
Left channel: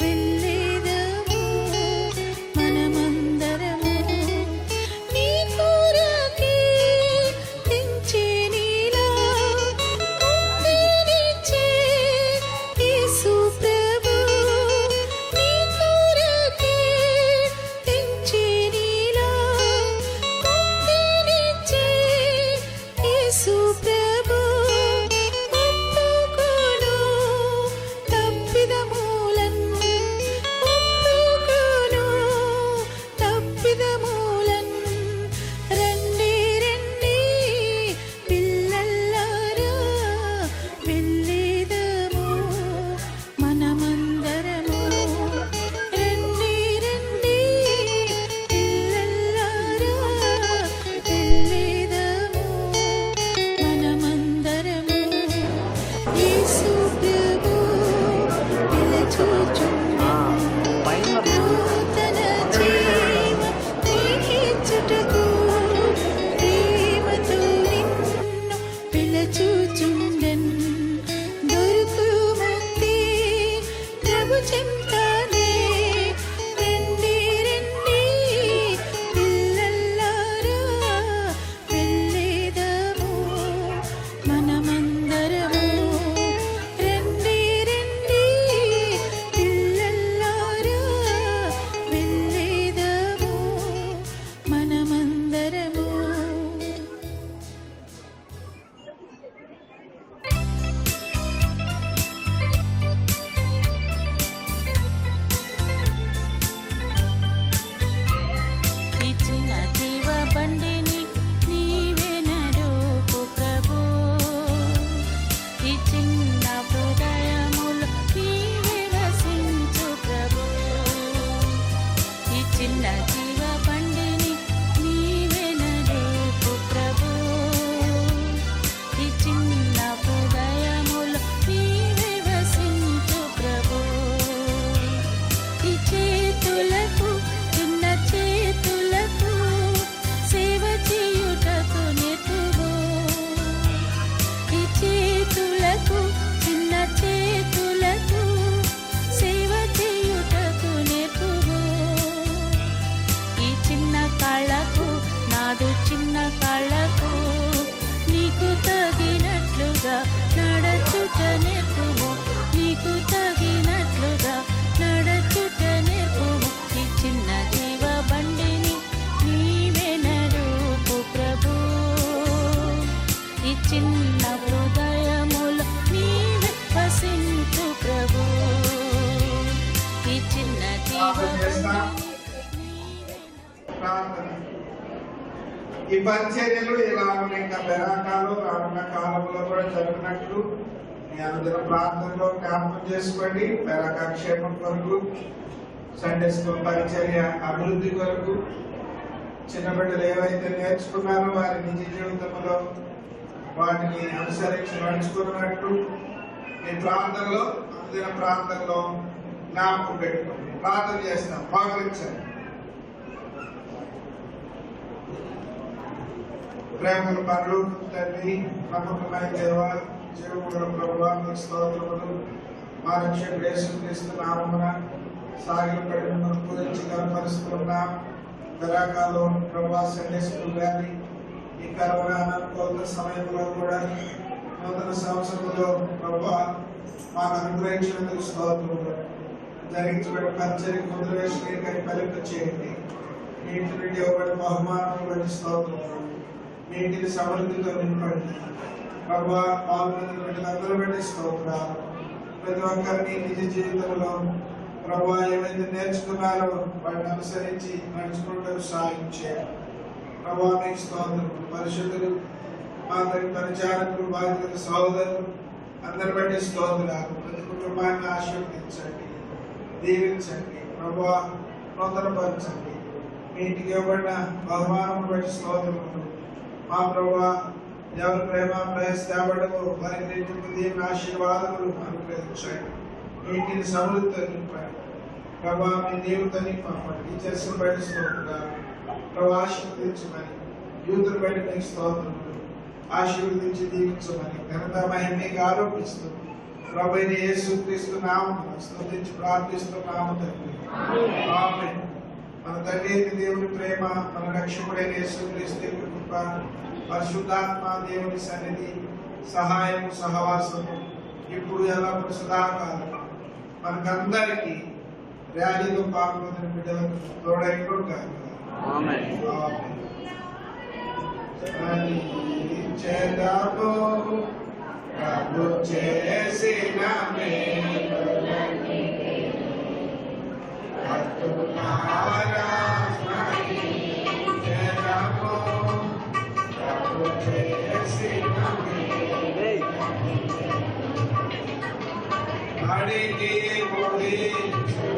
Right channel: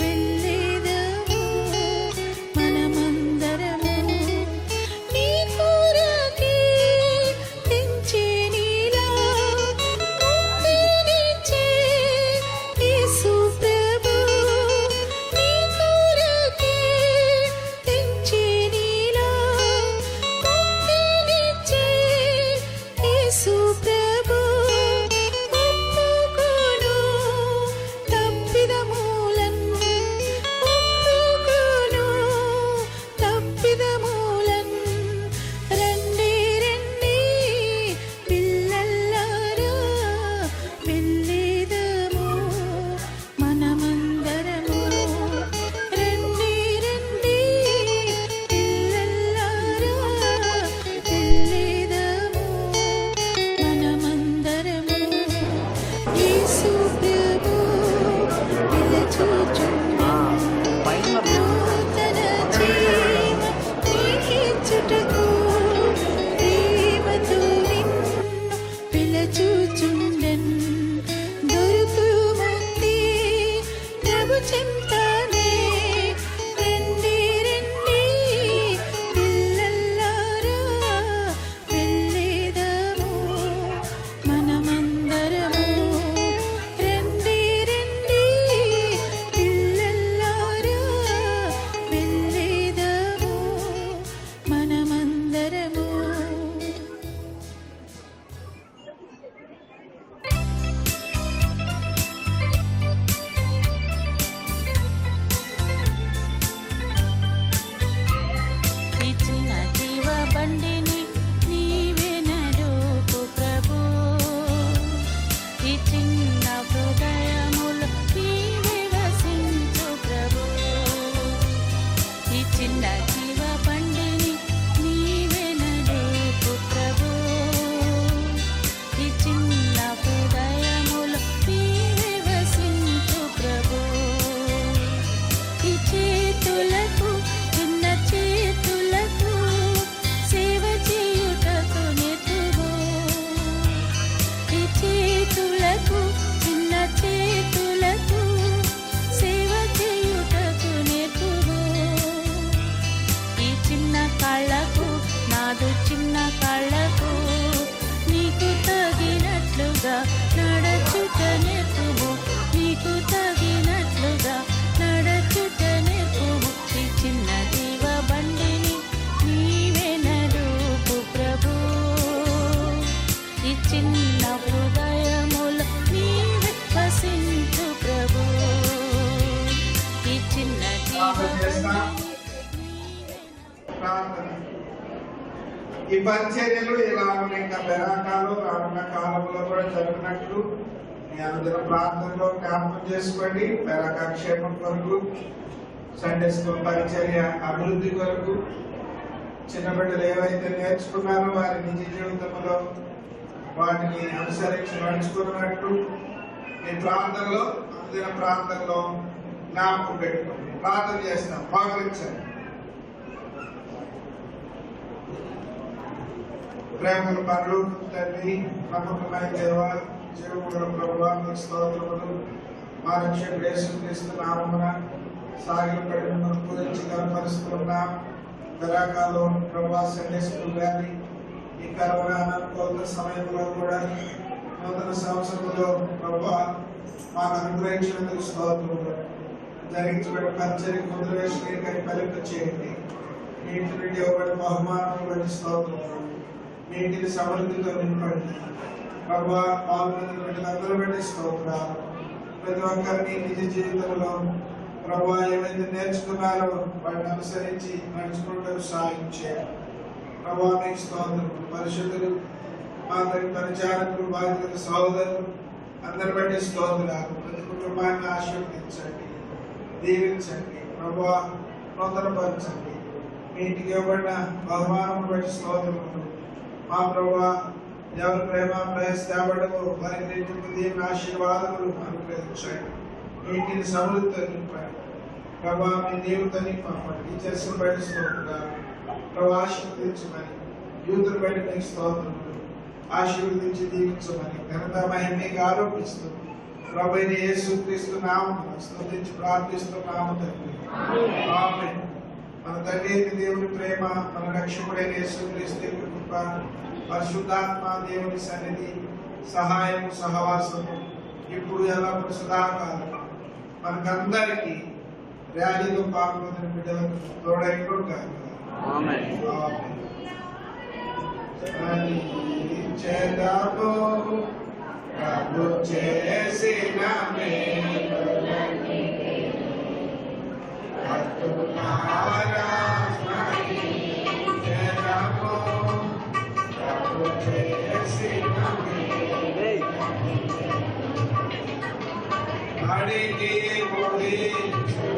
వెళ్ళేదము మనమందరము. నీ కొరకే తెంచే నీలా ముక్తినిచ్చే యేసు ప్రభు. నీ కొరకే తెంచే నీలా ముక్తినిచ్చే యేసు ప్రభు. ఒప్పుకొను తప్పిదములన్, ఒప్పుకొను తప్పిదములన్. రండి రండి పిల్లలారా వెళ్ళేదము మనమందరము. రండి రండి పిల్లలారా వెళ్ళేదము మనమందరము. యేసు ప్రభు పిలచుచుండెను నూతన జీవం నీకిచ్చుటకు, ప్రేమతో నిన్ను పిలచుచుండెను. దొరుకు ముక్తి ప్రభు చెంతనే, రండి రండి పిల్లలారా వెళ్ళేదము మనమందరము. రండి రండి పిల్లలారా ఇచ్చిన జీవ బండిని నీవే నడుపు ప్రభు, ఈ చిన్న హృదయములో నీవే వసించు ప్రభు, ఈ చిన్న జీవ బండిని నీవే నడుపు ప్రభు, ఈ చిన్న హృదయములో నీవే వసించు ప్రభు, ఈ చేతులకు చిన్న చేతులకు సేవ చేయుటకు నిత్యము, ఈ చేతులకు చిన్న చేతులకు సేవ చేయుటకు నిత్యము, ఈ చిన్న కళ్ళకు కాదు చిన్న కళ్ళకు నీకు తగినట్లుగా నడచుట నేర్పుము, నీకు తగినట్లుగా నడచుట నేర్పుము, ఈ చిన్న జీవ బండిని నీవే నడుపు ప్రభు, ఈ చిన్న హృదయములో నీవే వసించు ప్రభు, ఈ చిన్న జీవ బండిని ప్రార్థన. ఈ పరిచర్యలు ఇలా ఇంకా బెరాకాలు రానున్న కాలంలో కూడా జరిగినట్లు మీ అందరూ ప్రార్థనలో జ్ఞాపకం చేసుకోండి. బెరాకా క్షేమం కొరకు, సండే స్కూల్ పరిచర్య అభివృద్ధి కొరకు, చిన్న బిడ్డలు ఏవైతే నేర్చుకున్నారో వారి నిజ జీవితంలో వాటిని అనుసరించి నడుచుకున్నట్టు మీ ప్రాంతంలో అనుదిన ప్రాంతంలో జ్ఞాపకం పెట్టుకోండి. ప్రార్థన చేస్తాం, భావించండి. ప్రేమల పరలోకపు తండ్రి, నమ్మకమైన దేవా, జీవముల ప్రభువా, మీకు స్తోత్రములు. మా రక్షకుడు యేసుక్రీస్తు నామమున సాగిలపడి మిమ్మల్ని పూజించి కనపరుస్తున్నాం. బెరాకాలో ప్రభువా సండే స్కూల్ వ్యాలీ ఈ కరోనా అనుకూల సమయంలో కూడా నూతన సంవత్సరంలో ప్రభువా మాకు అనుగ్రహించినందుకు స్తోత్రములు. జరిగించబడిన పరిచర్య ముద్రవేశ్వరి ఫలింప చేయండి. మీ ఇంటి నుండి ఇవ్వబడిన బహుమానం బట్టి స్తోత్రములు. మీ ఇంటిని సమృద్ధితో నింపండి ప్రభువా. పాల్గొన్న బిడ్డలందరూ బట్టి స్తోత్రాలు. ప్రతి ఒక్కరిని నిజ జీవితంలో ప్రభువా ఏమైతే నేర్చుకున్నారో వాటిని అనుసరించి నడుచుకుంటూ సాయం చేయాలి ప్రభువా. మీకు స్తోత్రం. పరిశుద్ధులు, మా తల్లి పరిచారకులు, బాధితులు, సహోదరులు అందరి బట్టి స్తోత్రాలు. ప్రతి కుటుంబాన్ని ఆశీర్వదించండి, దీవించండి ప్రభువా, నూతనపరచండి. మీ ఇంటికి ఇవ్వబడిన బహుమానం బట్టి స్తోత్రములు. మా ప్రభువా, ఎవరి ప్రేమ ప్రయాసపడము వారికి దీని ఆశీర్వాదములు అనుగ్రహించండి. ఇంటిని సమృద్ధితో నింపండి ప్రభా. మీ దేవుడితో నింపండి. టీచర్స్ బయట స్తోత్రాలు ప్రభా, ఆశీర్వదించమని. యూతులు బయట మీకు స్తోత్రములు, ఆశీర్వదించి దీవించమని ఘనత మహిమకి ఆరోపిస్తూ ప్రభు యేసుక్రీస్తు నామమున స్తుతించి ప్రార్థిస్తున్నాము తండ్రి. ఆమేన్. మన తండ్రి దేవుని ప్రేమ, మన రక్షకుడైన యేసుక్రీస్తు కృప, పరిశుద్ధాత్మ దేవుని సన్నిధి, సహాయము, సహవాసము ఇప్పుడు ఎల్లప్పుడు సదాకాలం మనకందరికీ ర్యాలీలో పాల్గొన్న బిడ్డలకు తోడైనప్పుడు కాదు. ప్రభు చేసిన మేలులన్నీ అద్భుతారా స్మరించెదము. ప్రభు చేసిన అడిగి ముగించు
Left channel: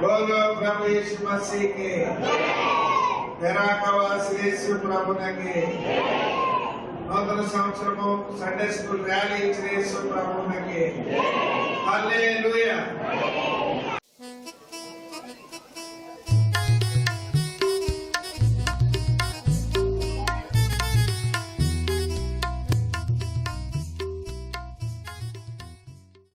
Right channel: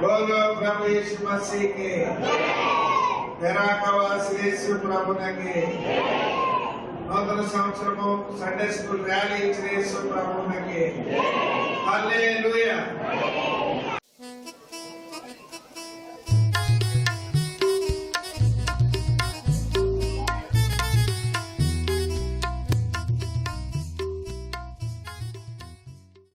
बोलो प्रभु यीशु मसीह के, बेराकावासी यीशु ప్రభునకి, నూతన సంవత్సరము సండే స్కూల్ ర్యాలీ ఇచ్చిన యేసు ప్రభునకి హల్లెలూయా.